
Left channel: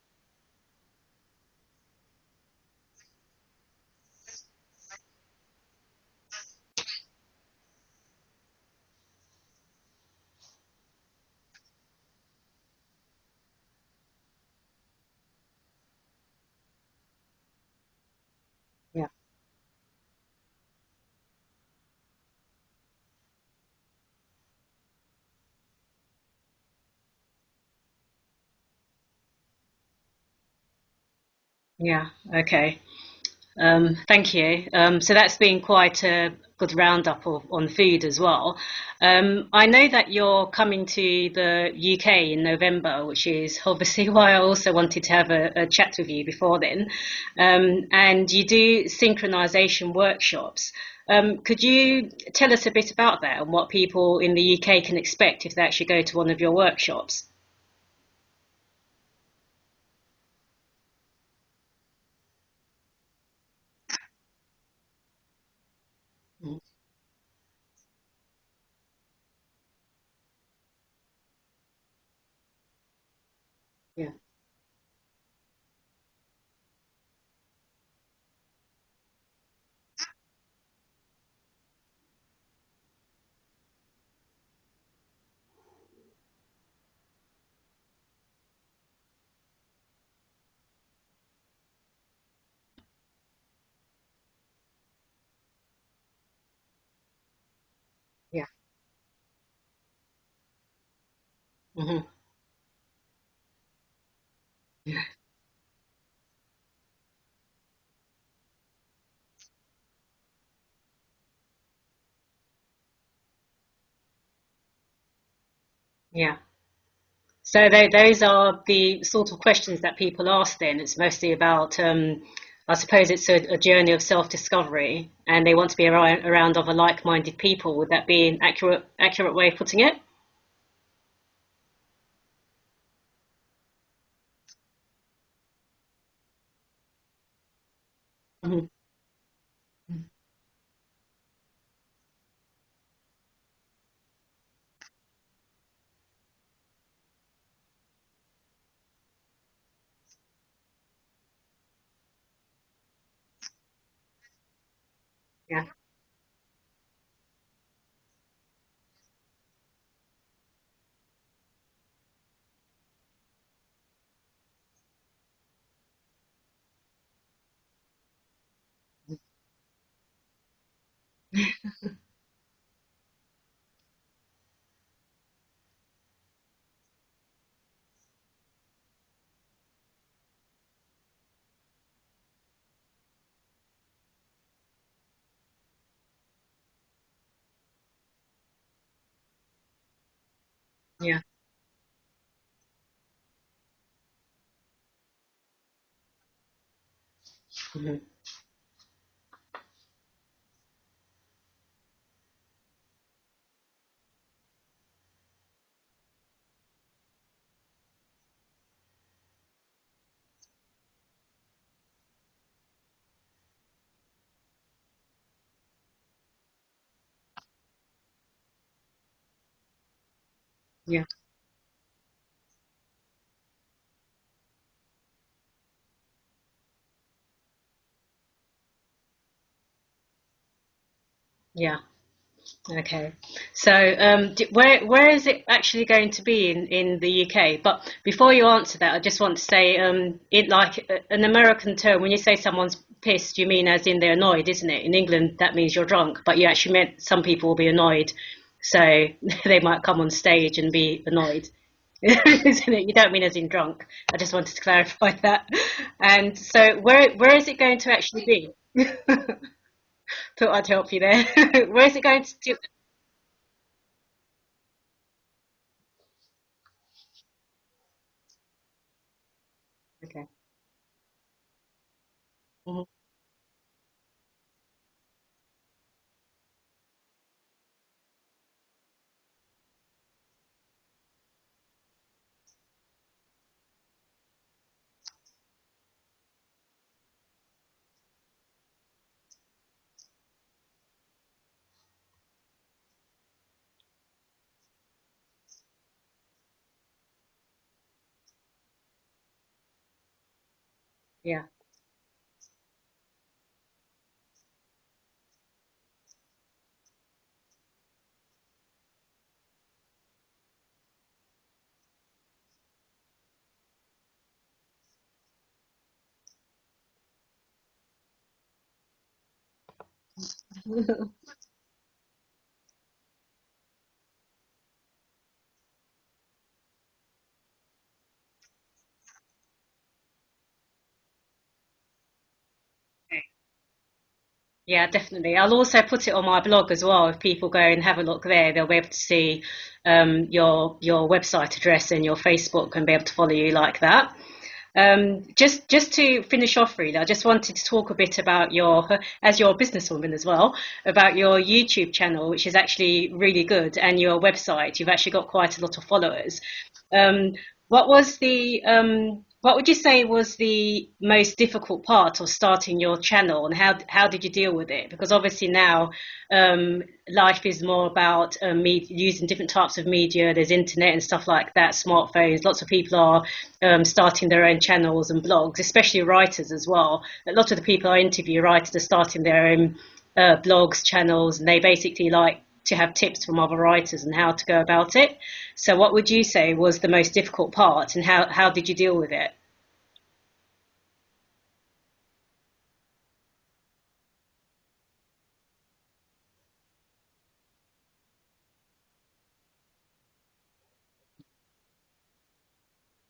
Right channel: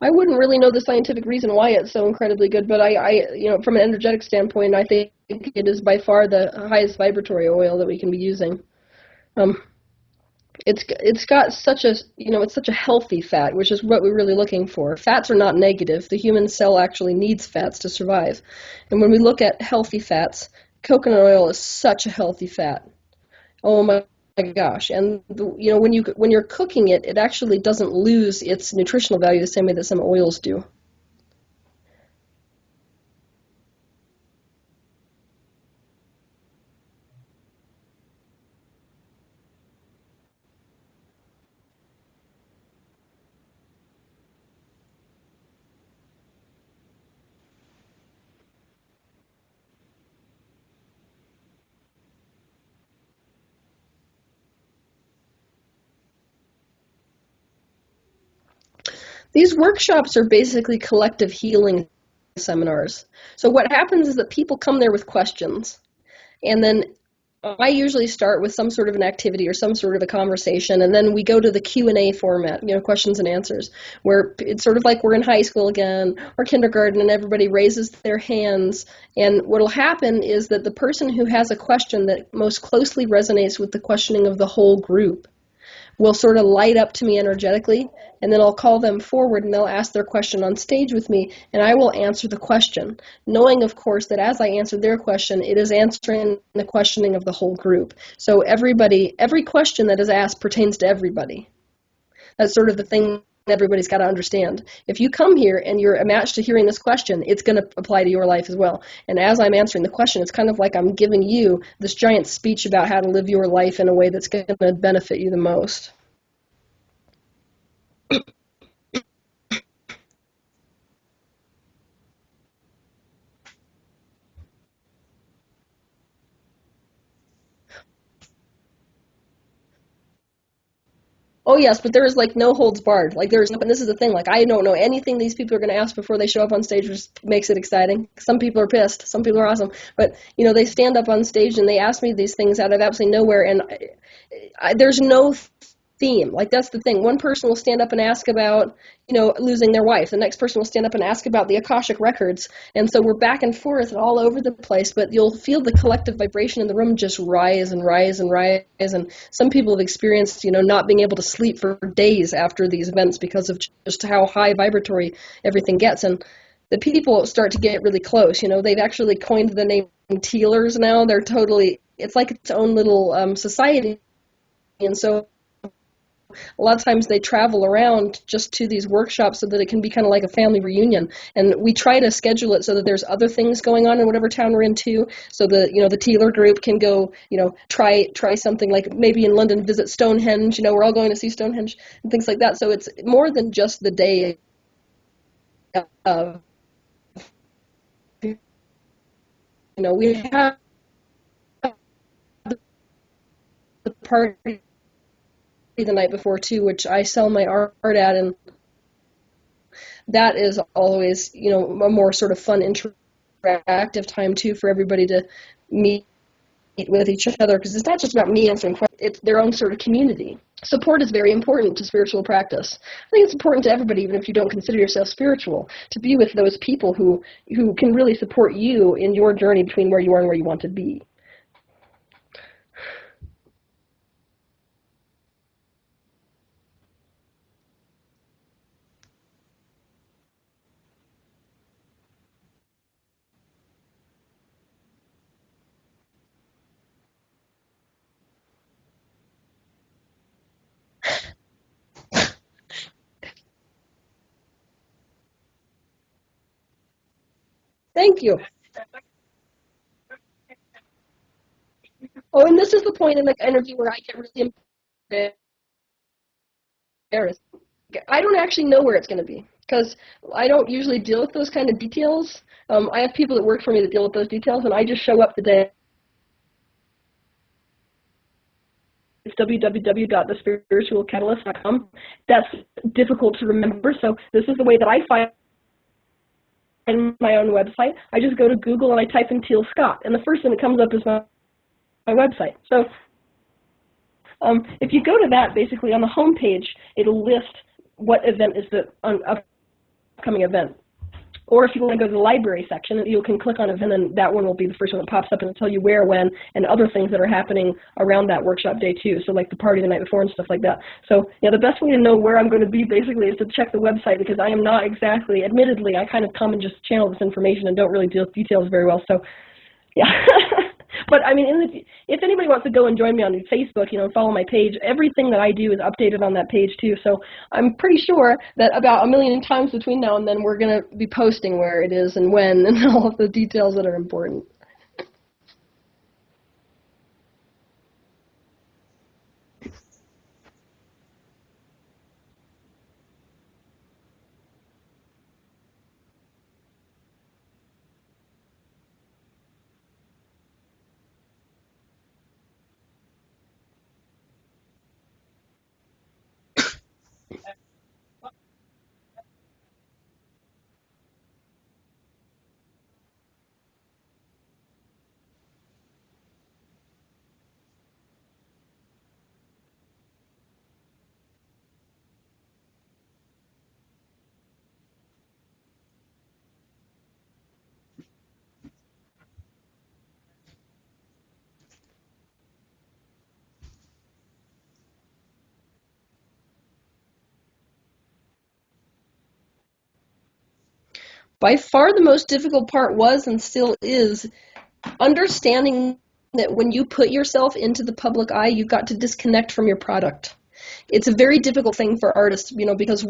I wouldn't really know the scientific reason why it's so incredibly good, but I from an energetic standpoint, I think it is by far the highest vibratory oil that we can be using. It's got such a, it's such a healthy fat, which is what we're really looking for. Fats are not negative. The human cell actually needs fats to survive. And when we look at healthy fats, coconut oil is such a healthy fat. Oh my gosh. And when you're cooking it, it actually doesn't lose its nutritional value the same way that some oils do. Yeah, okay. Thank you. So that's been quite a good roundup on food as well. I know that you're coming to the UK in November, which is obviously why I also wanted to have a chat with you before then. And you do synchronization workshops. Could you tell us a bit about that and what people in the UK can expect if they actually go to one of your workshops? These workshops are basically collective healing seminars. So what happens is that people come there with questions, and then I usually start with some sort of an activity or some sort of a conversation, and then we go to the Q&A format, questions and answers, where it's sort of like we're in high school again or kindergarten, and everybody raises their hands. And what will happen is that the person who has a question that most closely resonates with the questioning of the whole group will sort of light up to me energetically, and then I'll call them forward and they'll ask their question on stage with me, and I will answer the question, knowing, of course, that as I answer their question, it is answering the questioning of the whole group. So every question that is asked pertains to everybody. Mm-hmm. That's sort of the thing everybody's got to understand. If you come here and you're a match to hearing this question, it's going to apply to your life as well. And as I'm answering the question, it's kind of like I'm giving you this giant speech about how to live your life in a way that's going to benefit you the most. Yeah. So those are the sort of questions that people ask then. It's mostly about, I suppose it's a journey of self-discovery, and they want to be around other like-minded people. Would that be an accurate way of putting it? Oh, yes, but there is, no holds barred. And this is the thing, I don't know anything these people are going to ask before they show up on stage, which makes it exciting. Some people are pissed. Some people are awesome. But, they stand up on stage and they ask me these things out of absolutely nowhere, and there's no theme. Like, that's the thing. One person will stand up and ask about, losing their wife. The next person will stand up and ask about the Akashic records. And so we're back and forth and all over the place, but you'll feel the collective vibration in the room just rise and rise and rise. And some people have experienced, not being able to sleep for days after these events because of just how high vibratory everything gets. And the people start to get really close. They've actually coined the name Tealers now. They're totally, it's like its own little society. And so a lot of times they travel around just to these workshops so that it can be kind of like a family reunion. And we try to schedule it so that there's other things going on in whatever town we're in too. So the Tealer group can go, try something like maybe in London visit Stonehenge. We're all going to see Stonehenge and things like that. So it's more than just the day of, we have the party the night before too, which I sell my art at, and that is always, a more sort of fun, interactive time too for everybody to meet with each other, because it's not just about me answering questions, it's their own sort of community. Support is very important to spiritual practice. I think it's important to everybody, even if you don't consider yourself spiritual, to be with those people who can really support you in your journey between where you are and where you want to be. Yeah. Okay, so where is it actually going to be in the UK? But before you answer that, I just want to say, it like an American term, when you say someone's pissed, you mean as in they're annoyed, isn't it? In England, that means you're drunk, but you actually meant some people will be annoyed, so they might come on stage and be annoyed. Isn't it? You don't mean as in drunk. I just wanted to clarify that. And so where is it going to actually be? Thought I'd help you there. Where is it going to? Oh, and this is the point in the interview where I get really embarrassed. I don't actually know where it's going to be, because I don't usually deal with those kind of details. I have people that work for me that deal with those details, and I just show up the day. It's www.thespiritualcatalyst.com. That's difficult to remember, so this is the way that I find my own website. I just go to Google and I type in Teal Scott, and the first thing that comes up is my website. So if you go to that, basically on the home page, it'll list what event is the upcoming event. Yeah. Or if you want to go to the library section, you can click on event, and that one will be the first one that pops up, and it'll tell you where, when, and other things that are happening around that workshop day too. So like the party the night before and stuff like that. So the best way to know where I'm going to be basically is to check the website, because I am not exactly, admittedly, I kind of come and just channel this information and don't really deal with details very well. So yeah. But I mean, if anybody wants to go and join me on Facebook, and follow my page, everything that I do is updated on that page too. So I'm pretty sure that about 1 million times between now and then we're going to be posting where it is and when and all of the details that are important. Yeah, definitely. I'll also put it on my blog as well. If people go and have a look there, they'll be able to see your website address and your Facebook and be able to follow you like that. Just to finish off, really, I just wanted to talk a bit about as your businesswoman as well, about your YouTube channel, which is actually really good, and your website. You've actually got quite a lot of followers. What would you say was the most difficult part of starting your channel, and how did you deal with it? Because obviously now life is more about using different types of media. There's internet and stuff like that, smartphones. Lots of people are starting their own channels and blogs, especially writers as well. A lot of the people I interview, writers, are starting their own blogs, channels, and they basically like to have tips from other writers and how to go about it. So what would you say was the most difficult part, and how did you deal with it? By far the most difficult part was, and still is, understanding that when you put yourself into the public eye, you've got to disconnect from your product. It's a very difficult thing for artists, because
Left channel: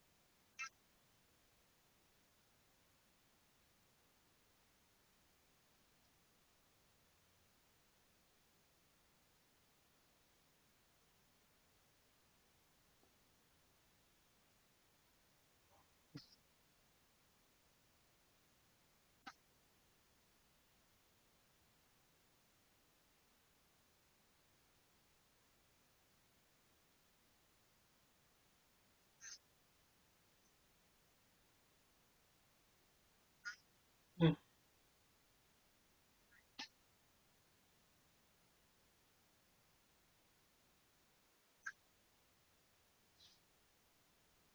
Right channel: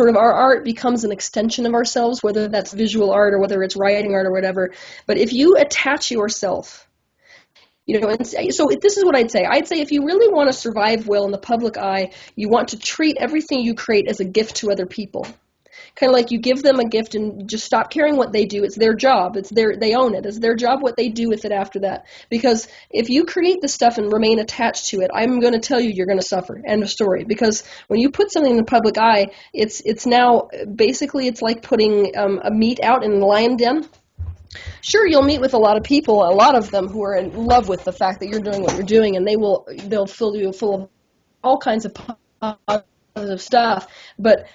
our art becomes an extension of ourselves, whether that's visual art or whether it's writing art or whatever. But if you attach yourself, and so this is what I'd say. I'd say if you really want to survive well in the public eye, you want to treat everything you create as a gift to other people. Kind of like you give them a gift and just stop caring what they do. It's their job. They own it. It's their job what they do with it after that. Because if you create the stuff and remain attached to it, I'm going to tell you you're going to suffer. End of story. Because when you put something in the public eye, it's now basically it's like putting a meat out in the lion den. Sure, you'll meet with a lot of people, a lot of them who are in love with the fact that you're doing what you're doing, and they'll fill you full of all kinds of positive stuff, but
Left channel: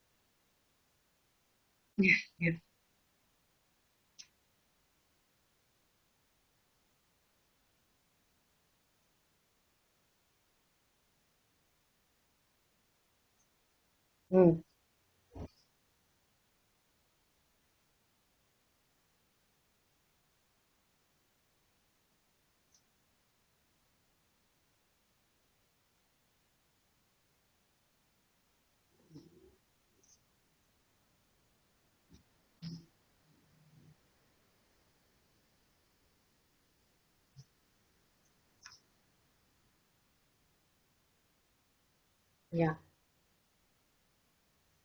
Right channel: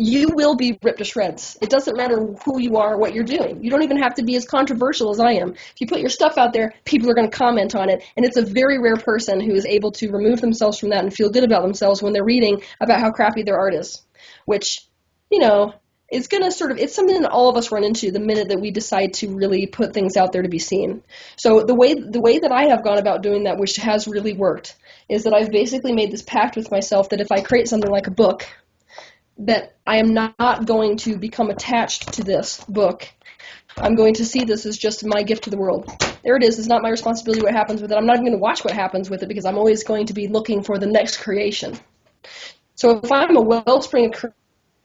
you will be ripped to shreds. It doesn't matter who you are, what you're doing. You don't even have to be as controversial as I am. If you put your stuff out there, people are going to comment on it, and it's a very rare person who is able to remove themselves from that and feel good about themselves when they're reading about how crappy their art is, which, you know, it's going to sort of, it's something that all of us run into the minute that we decide to really put things out there to be seen. So the way that I have gone about doing that, which has really worked, is that I've basically made this pact with myself that if I create something like a book, that I am not going to become attached to this book. I'm going to see this as just my gift to the world. There it is. It's not my responsibility what happens with it. I'm not even going to watch what happens with it because I'm always going to be looking for the next creation. Yeah. So if I'm a wellspring of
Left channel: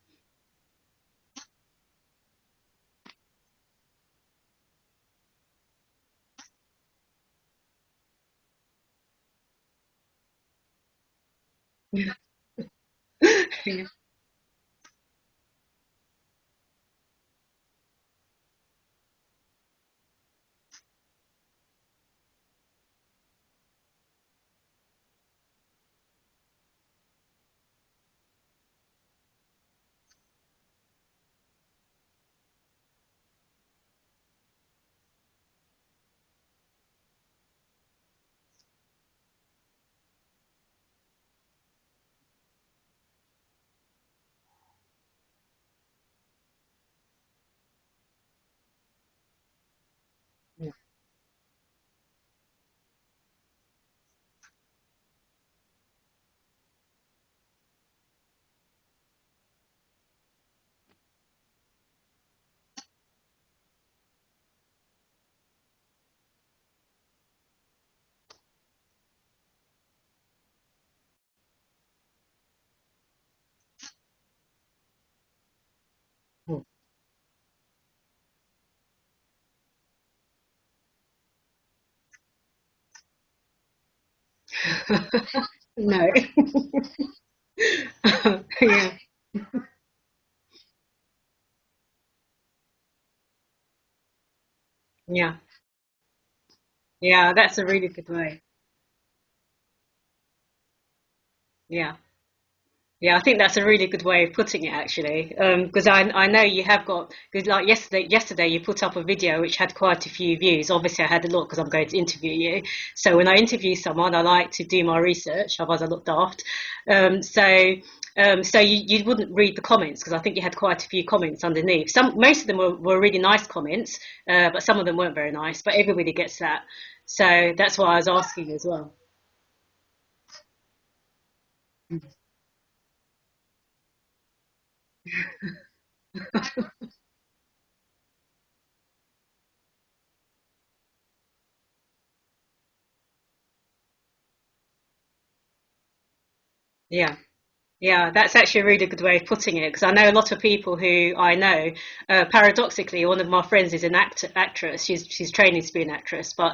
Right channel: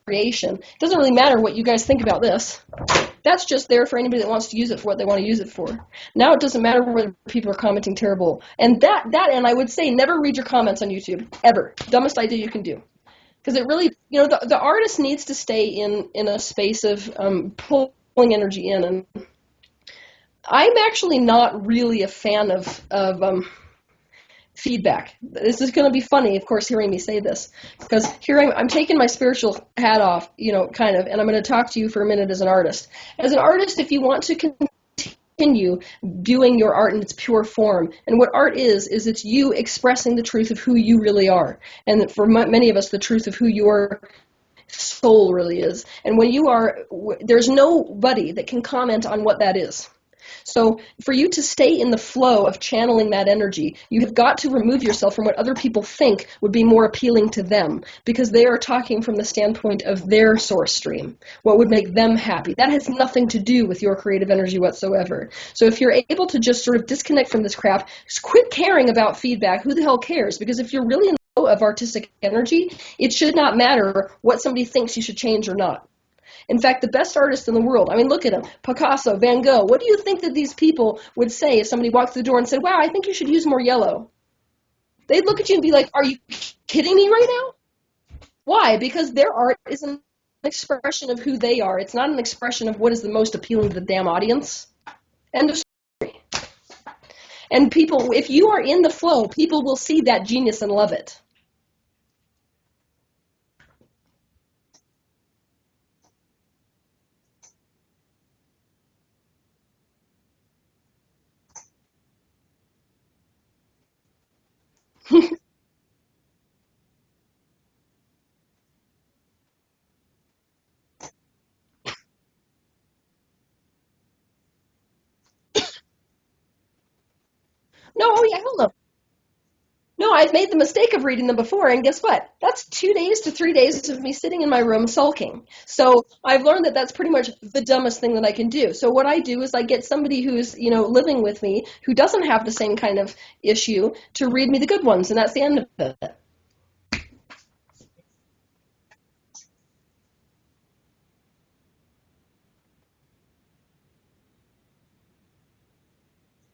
creation, it doesn't really matter what you guys think about this. That's just there for anybody that wants to use it for what they want to use it for. Now it doesn't matter whether people are commenting terrible. And and I would say never read your comments on YouTube, ever. Dumbest idea you can do. Because it really, you know, the artist needs to stay in a space of pulling energy in. And I'm actually not really a fan of feedback. This is going to be funny, of course, hearing me say this, because here I'm taking my spiritual hat off, you know, kind of, and I'm going to talk to you for a minute as an artist. As an artist, if you want to continue doing your art in its pure form, and what art is it's you expressing the truth of who you really are, and for many of us, the truth of who your soul really is. And when you are, there's nobody that can comment on what that is. So for you to stay in the flow of channeling that energy, you have got to remove yourself from what other people think would be more appealing to them, because they are talking from the standpoint of their source stream, what would make them happy. That has nothing to do with your creative energy whatsoever. So if you're able to just sort of disconnect from this crap, just quit caring about feedback. Who the hell cares? Because if you're really in the flow of artistic energy, it should not matter what somebody thinks you should change or not. In fact, the best artists in the world, I mean, look at them, Picasso, Van Gogh. What do you think that these people would say if somebody walked through the door and said, wow, I think you should use more yellow? They'd look at you and be like, Are you kidding me right now? Why? Because their art is an expression of who they are. It's not an expression of what is the most appealing to the damn audience. Yeah. End of story. Yeah, that's and a really people, if you are in the flow, people will see that genius and love it. Yeah. Yeah, I think that's a really good way of putting it, actually, because I know you have got, because like yesterday you put up a video which had quite a few views. Obviously, I had a look because I'm going to interview you. So when I interview someone, I like to do my research, otherwise I look daft. So you wouldn't read the comments because I think you had quite a few comments underneath. Most of them were really nice comments, but some of them weren't very nice. But everybody gets that, so that's why I was asking as well. No, I've made the mistake of reading them before, and guess what? That's 2 days to 3 days of me sitting in my room sulking. So I've learned that that's pretty much the dumbest thing that I can do. So what I do is I get somebody who's, you know, living with me who doesn't have the same kind of issue to read me the good ones, and that's the end of it. Yeah. Yeah, that's actually a really good way of putting it, because I know a lot of people who I know, paradoxically, one of my friends is an actress. She's training to be an actress, but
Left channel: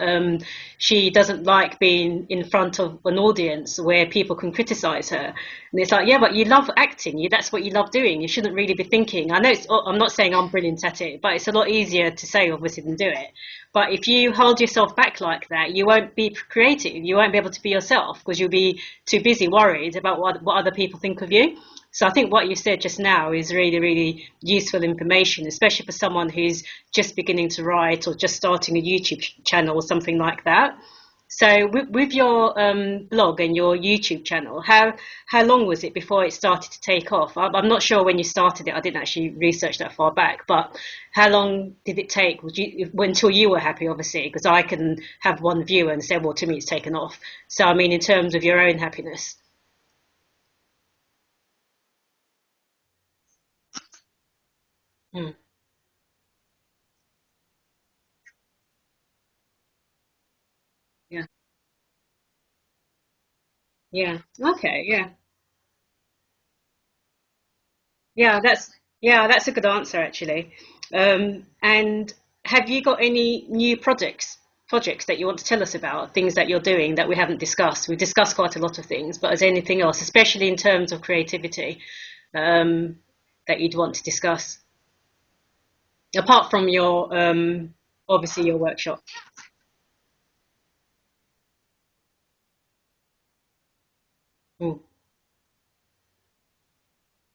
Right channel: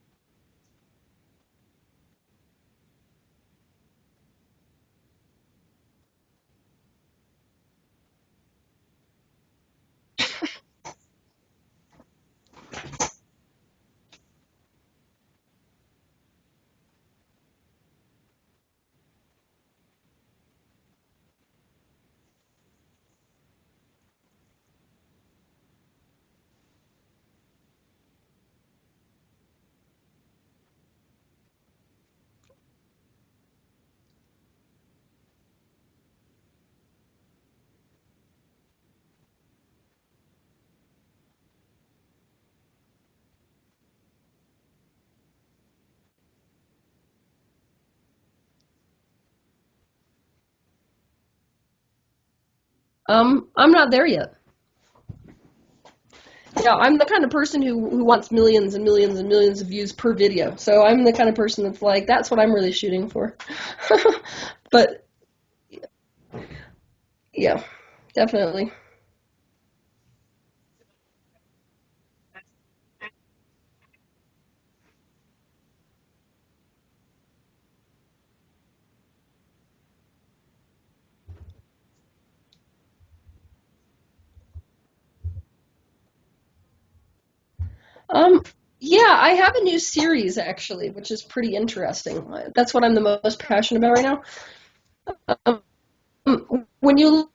she doesn't like being in front of an audience where people can criticize her. And it's like, yeah, but you love acting. That's what you love doing. You shouldn't really be thinking. I know I'm not saying I'm brilliant at it, but it's a lot easier to say, obviously, than do it. But if you hold yourself back like that, you won't be creative. You won't be able to be yourself because you'll be too busy worried about what other people think of you. So I think what you said just now is really, really useful information, especially for someone who's just beginning to write or just starting a YouTube channel or something like that. So with your blog and your YouTube channel, how long was it before it started to take off? I'm not sure when you started it. I didn't actually research that far back, but how long did it take until you were happy, obviously? Because I can have one viewer and say, well, to me, it's taken off. So, I mean, in terms of your own happiness. I'm not there yet. Yeah, I'm the kind of person who wants millions and millions and millions of views per video. So I'm the kind of person that's like, that's what I'm really shooting for. Yeah. Okay. But, yeah. Yeah. Definitely. Yeah, that's a good answer, actually. And have you got any new projects that you want to tell us about, things that you're doing that we haven't discussed? We've discussed quite a lot of things, but is there anything else, especially in terms of creativity, that you'd want to discuss? apart from your obviously your workshop? Yeah, I have a new series actually, which is pretty interesting. That's what I'm the most passionate about right now. Mm. When you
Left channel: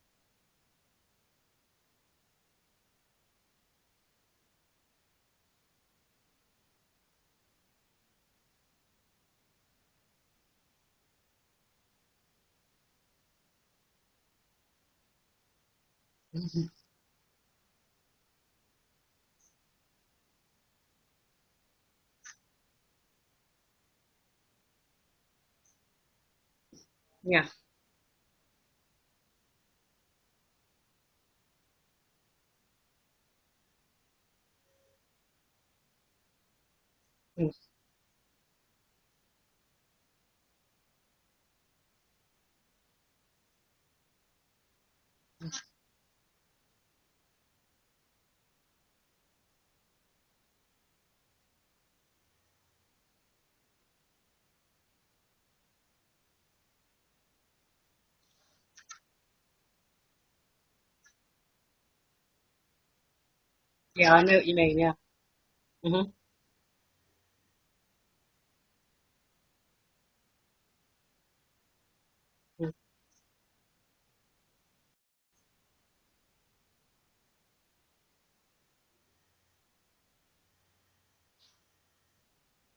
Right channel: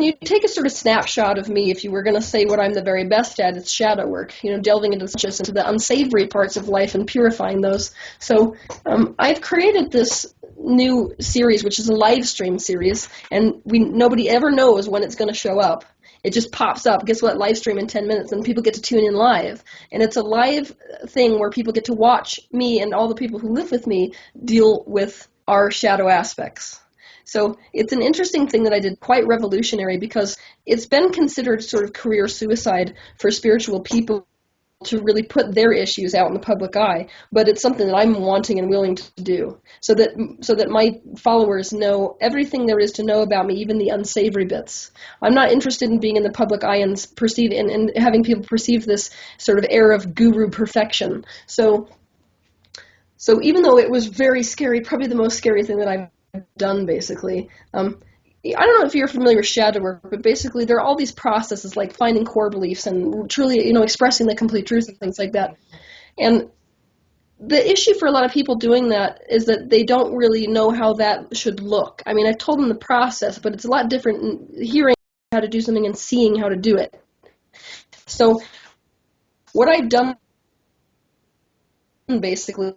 when you take a sort of snapshot of me, if you were going to say what I'm the very best at, it's shadow work, delving into the unsavory parts of life and purifying those. So I've created this new series, which is a live stream series, and nobody ever knows when it's going to show up. It just pops up. Guess what? Live stream in 10 minutes, and people get to tune in live. And it's a live thing where people get to watch me and all the people who live with me deal with our shadow aspects. Yeah. So it's an interesting thing that I did, quite revolutionary, because it's been considered sort of career suicide for spiritual people to really put their issues out in the public eye, but it's something that I'm wanting and willing to do, so that my followers know everything there is to know about me, even the unsavory bits. I'm not interested in being in the public eye and and having people perceive this sort of air of guru perfection. So even though it was very scary, probably the most scary thing that I've done, basically. I don't know if you're familiar with shadow work, but basically there are all these processes like finding core beliefs and truly, expressing the complete truth and things like that. Mm-hmm. And the issue for a lot of people doing that is that they don't really know how that should look. I mean, I've told them the process, but it's a lot different in hearing how to do something and seeing how to do it. So what I've done basically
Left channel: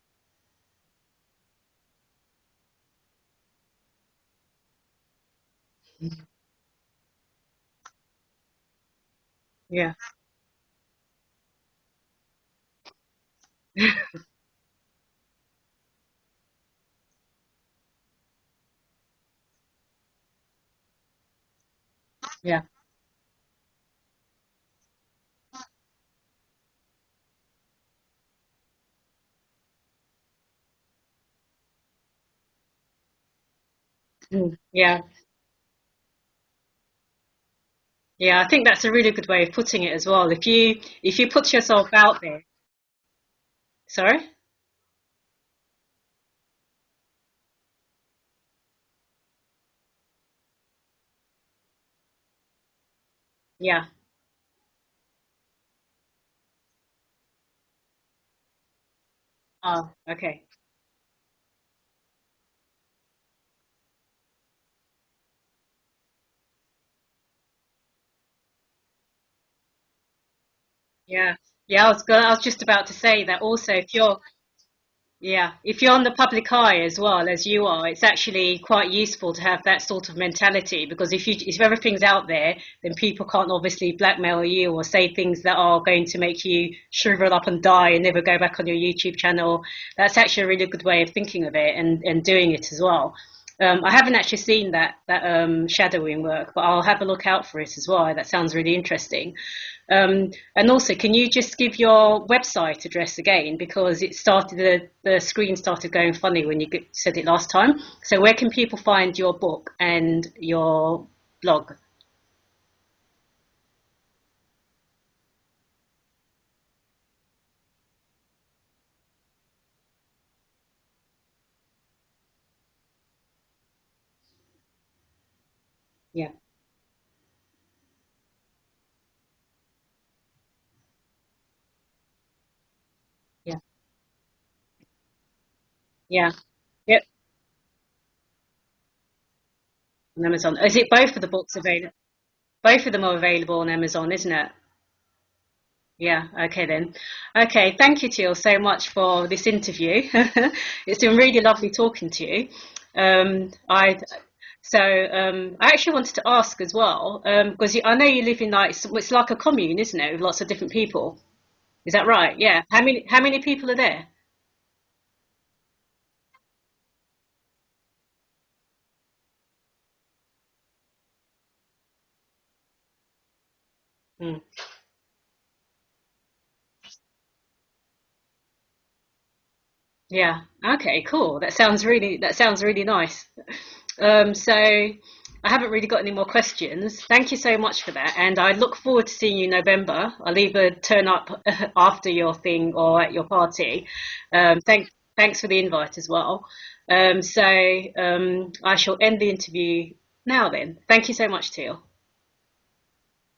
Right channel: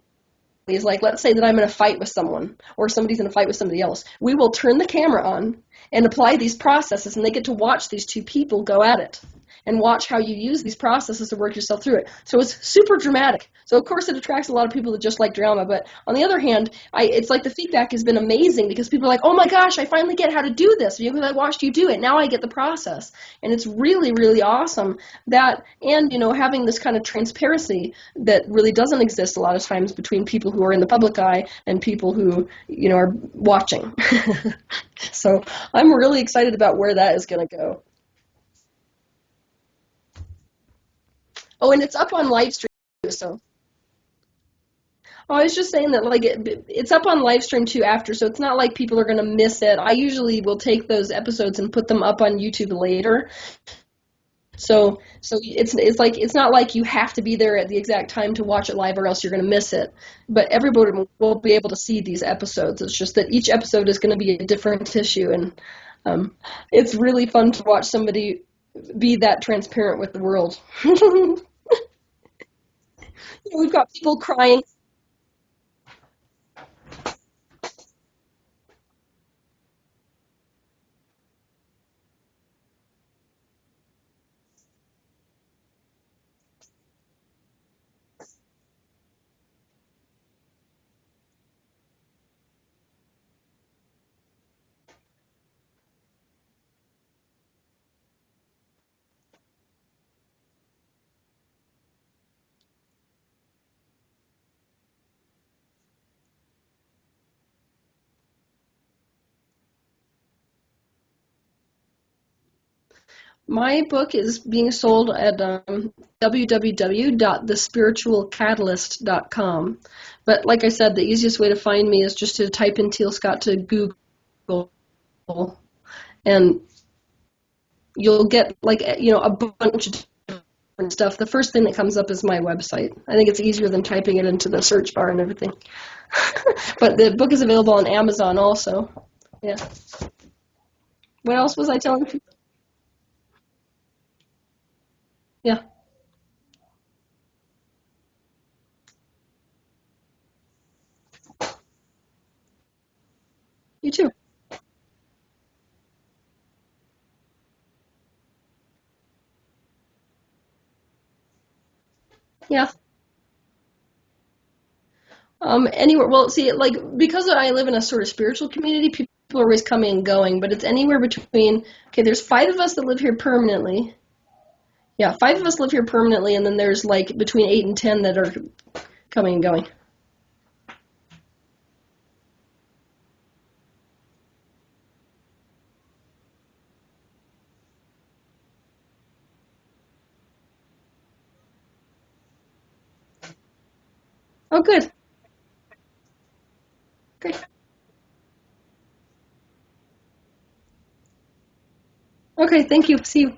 is, like, let's say that I'm in a fight with someone or somebody's in a fight with somebody else. We will turn the camera on and apply these processes, and they get to watch these two people go at it and watch how you use these processes to work yourself through it. So it's super dramatic. So of course it attracts a lot of people that just like drama, but on the other hand, it's like the feedback has been amazing because people are like, oh my gosh, I finally get how to do this because I watched you do it. Now I get the process. And it's really, really awesome that, and having this kind of transparency that really doesn't exist a lot of times between people who are in the public eye and people who, are watching. Yeah. So I'm really excited about where that is going to go. Yeah, I think that's a really good way of putting it as well. If you put yourself and it's out up on there. live stream too, so. Sorry? Oh, I was just saying that, like, it's up on live stream too after, so it's not like people are going to miss it. I usually will take those episodes and put them up on YouTube later. Yeah. So it's like, it's not like you have to be there at the exact time to watch it live or else you're going to miss it. Okay. But everybody will be able to see these episodes. It's just that each episode is going to be a different issue, and it's really fun to watch somebody be that transparent with the world. Yeah. I was just about to say that also. If you're crying. Yeah, if you're on the public eye as well as you are, it's actually quite useful to have that sort of mentality, because if everything's out there, then people can't obviously blackmail you or say things that are going to make you shrivel up and die and never go back on your YouTube channel. That's actually a really good way of thinking of it and doing it as well. I haven't actually seen that shadowing work, but I'll have a look out for it as well. That sounds really interesting. And also, can you just give your website address again, because it started the screen started going funny when you said it last time. So where can people find your book and your blog? My book is being sold at www.thespiritualcatalyst.com. But like I said, the easiest way to find me is just to type in Teal Scott to Google, and you'll get, like, a bunch of different stuff. The first thing that comes up is my website. I think it's easier than typing it into the search bar and everything. Yeah. But the book is available on Amazon also. Yeah. On Amazon. Is it both of the books? What else was I telling you? Both of them are available on Amazon, isn't it? Yeah. Yeah, okay then. Okay, thank you, Teal, so much for this interview. It's been really lovely talking to you. Me too. So I actually wanted to ask as well, because I know you live in, like, it's like a commune, isn't it, with lots of different people? Is that right? Yeah. How many people are there? Anywhere. Well, see, like, because I live in a sort of spiritual community, people are always coming and going, but it's anywhere between, there's 5 of us that live here permanently. Yeah, 5 of us live here permanently, and then there's, like, between 8 and 10 that are coming and going. Yeah. Okay, cool. That sounds really nice. So I haven't really got any more questions. Thank you so much for that, and I look forward to seeing you in November. I'll either turn up after your thing or at your party. Thanks for the invite as well. I shall end the interview now then. Thank you so much, Teal. Okay, thank you. See you.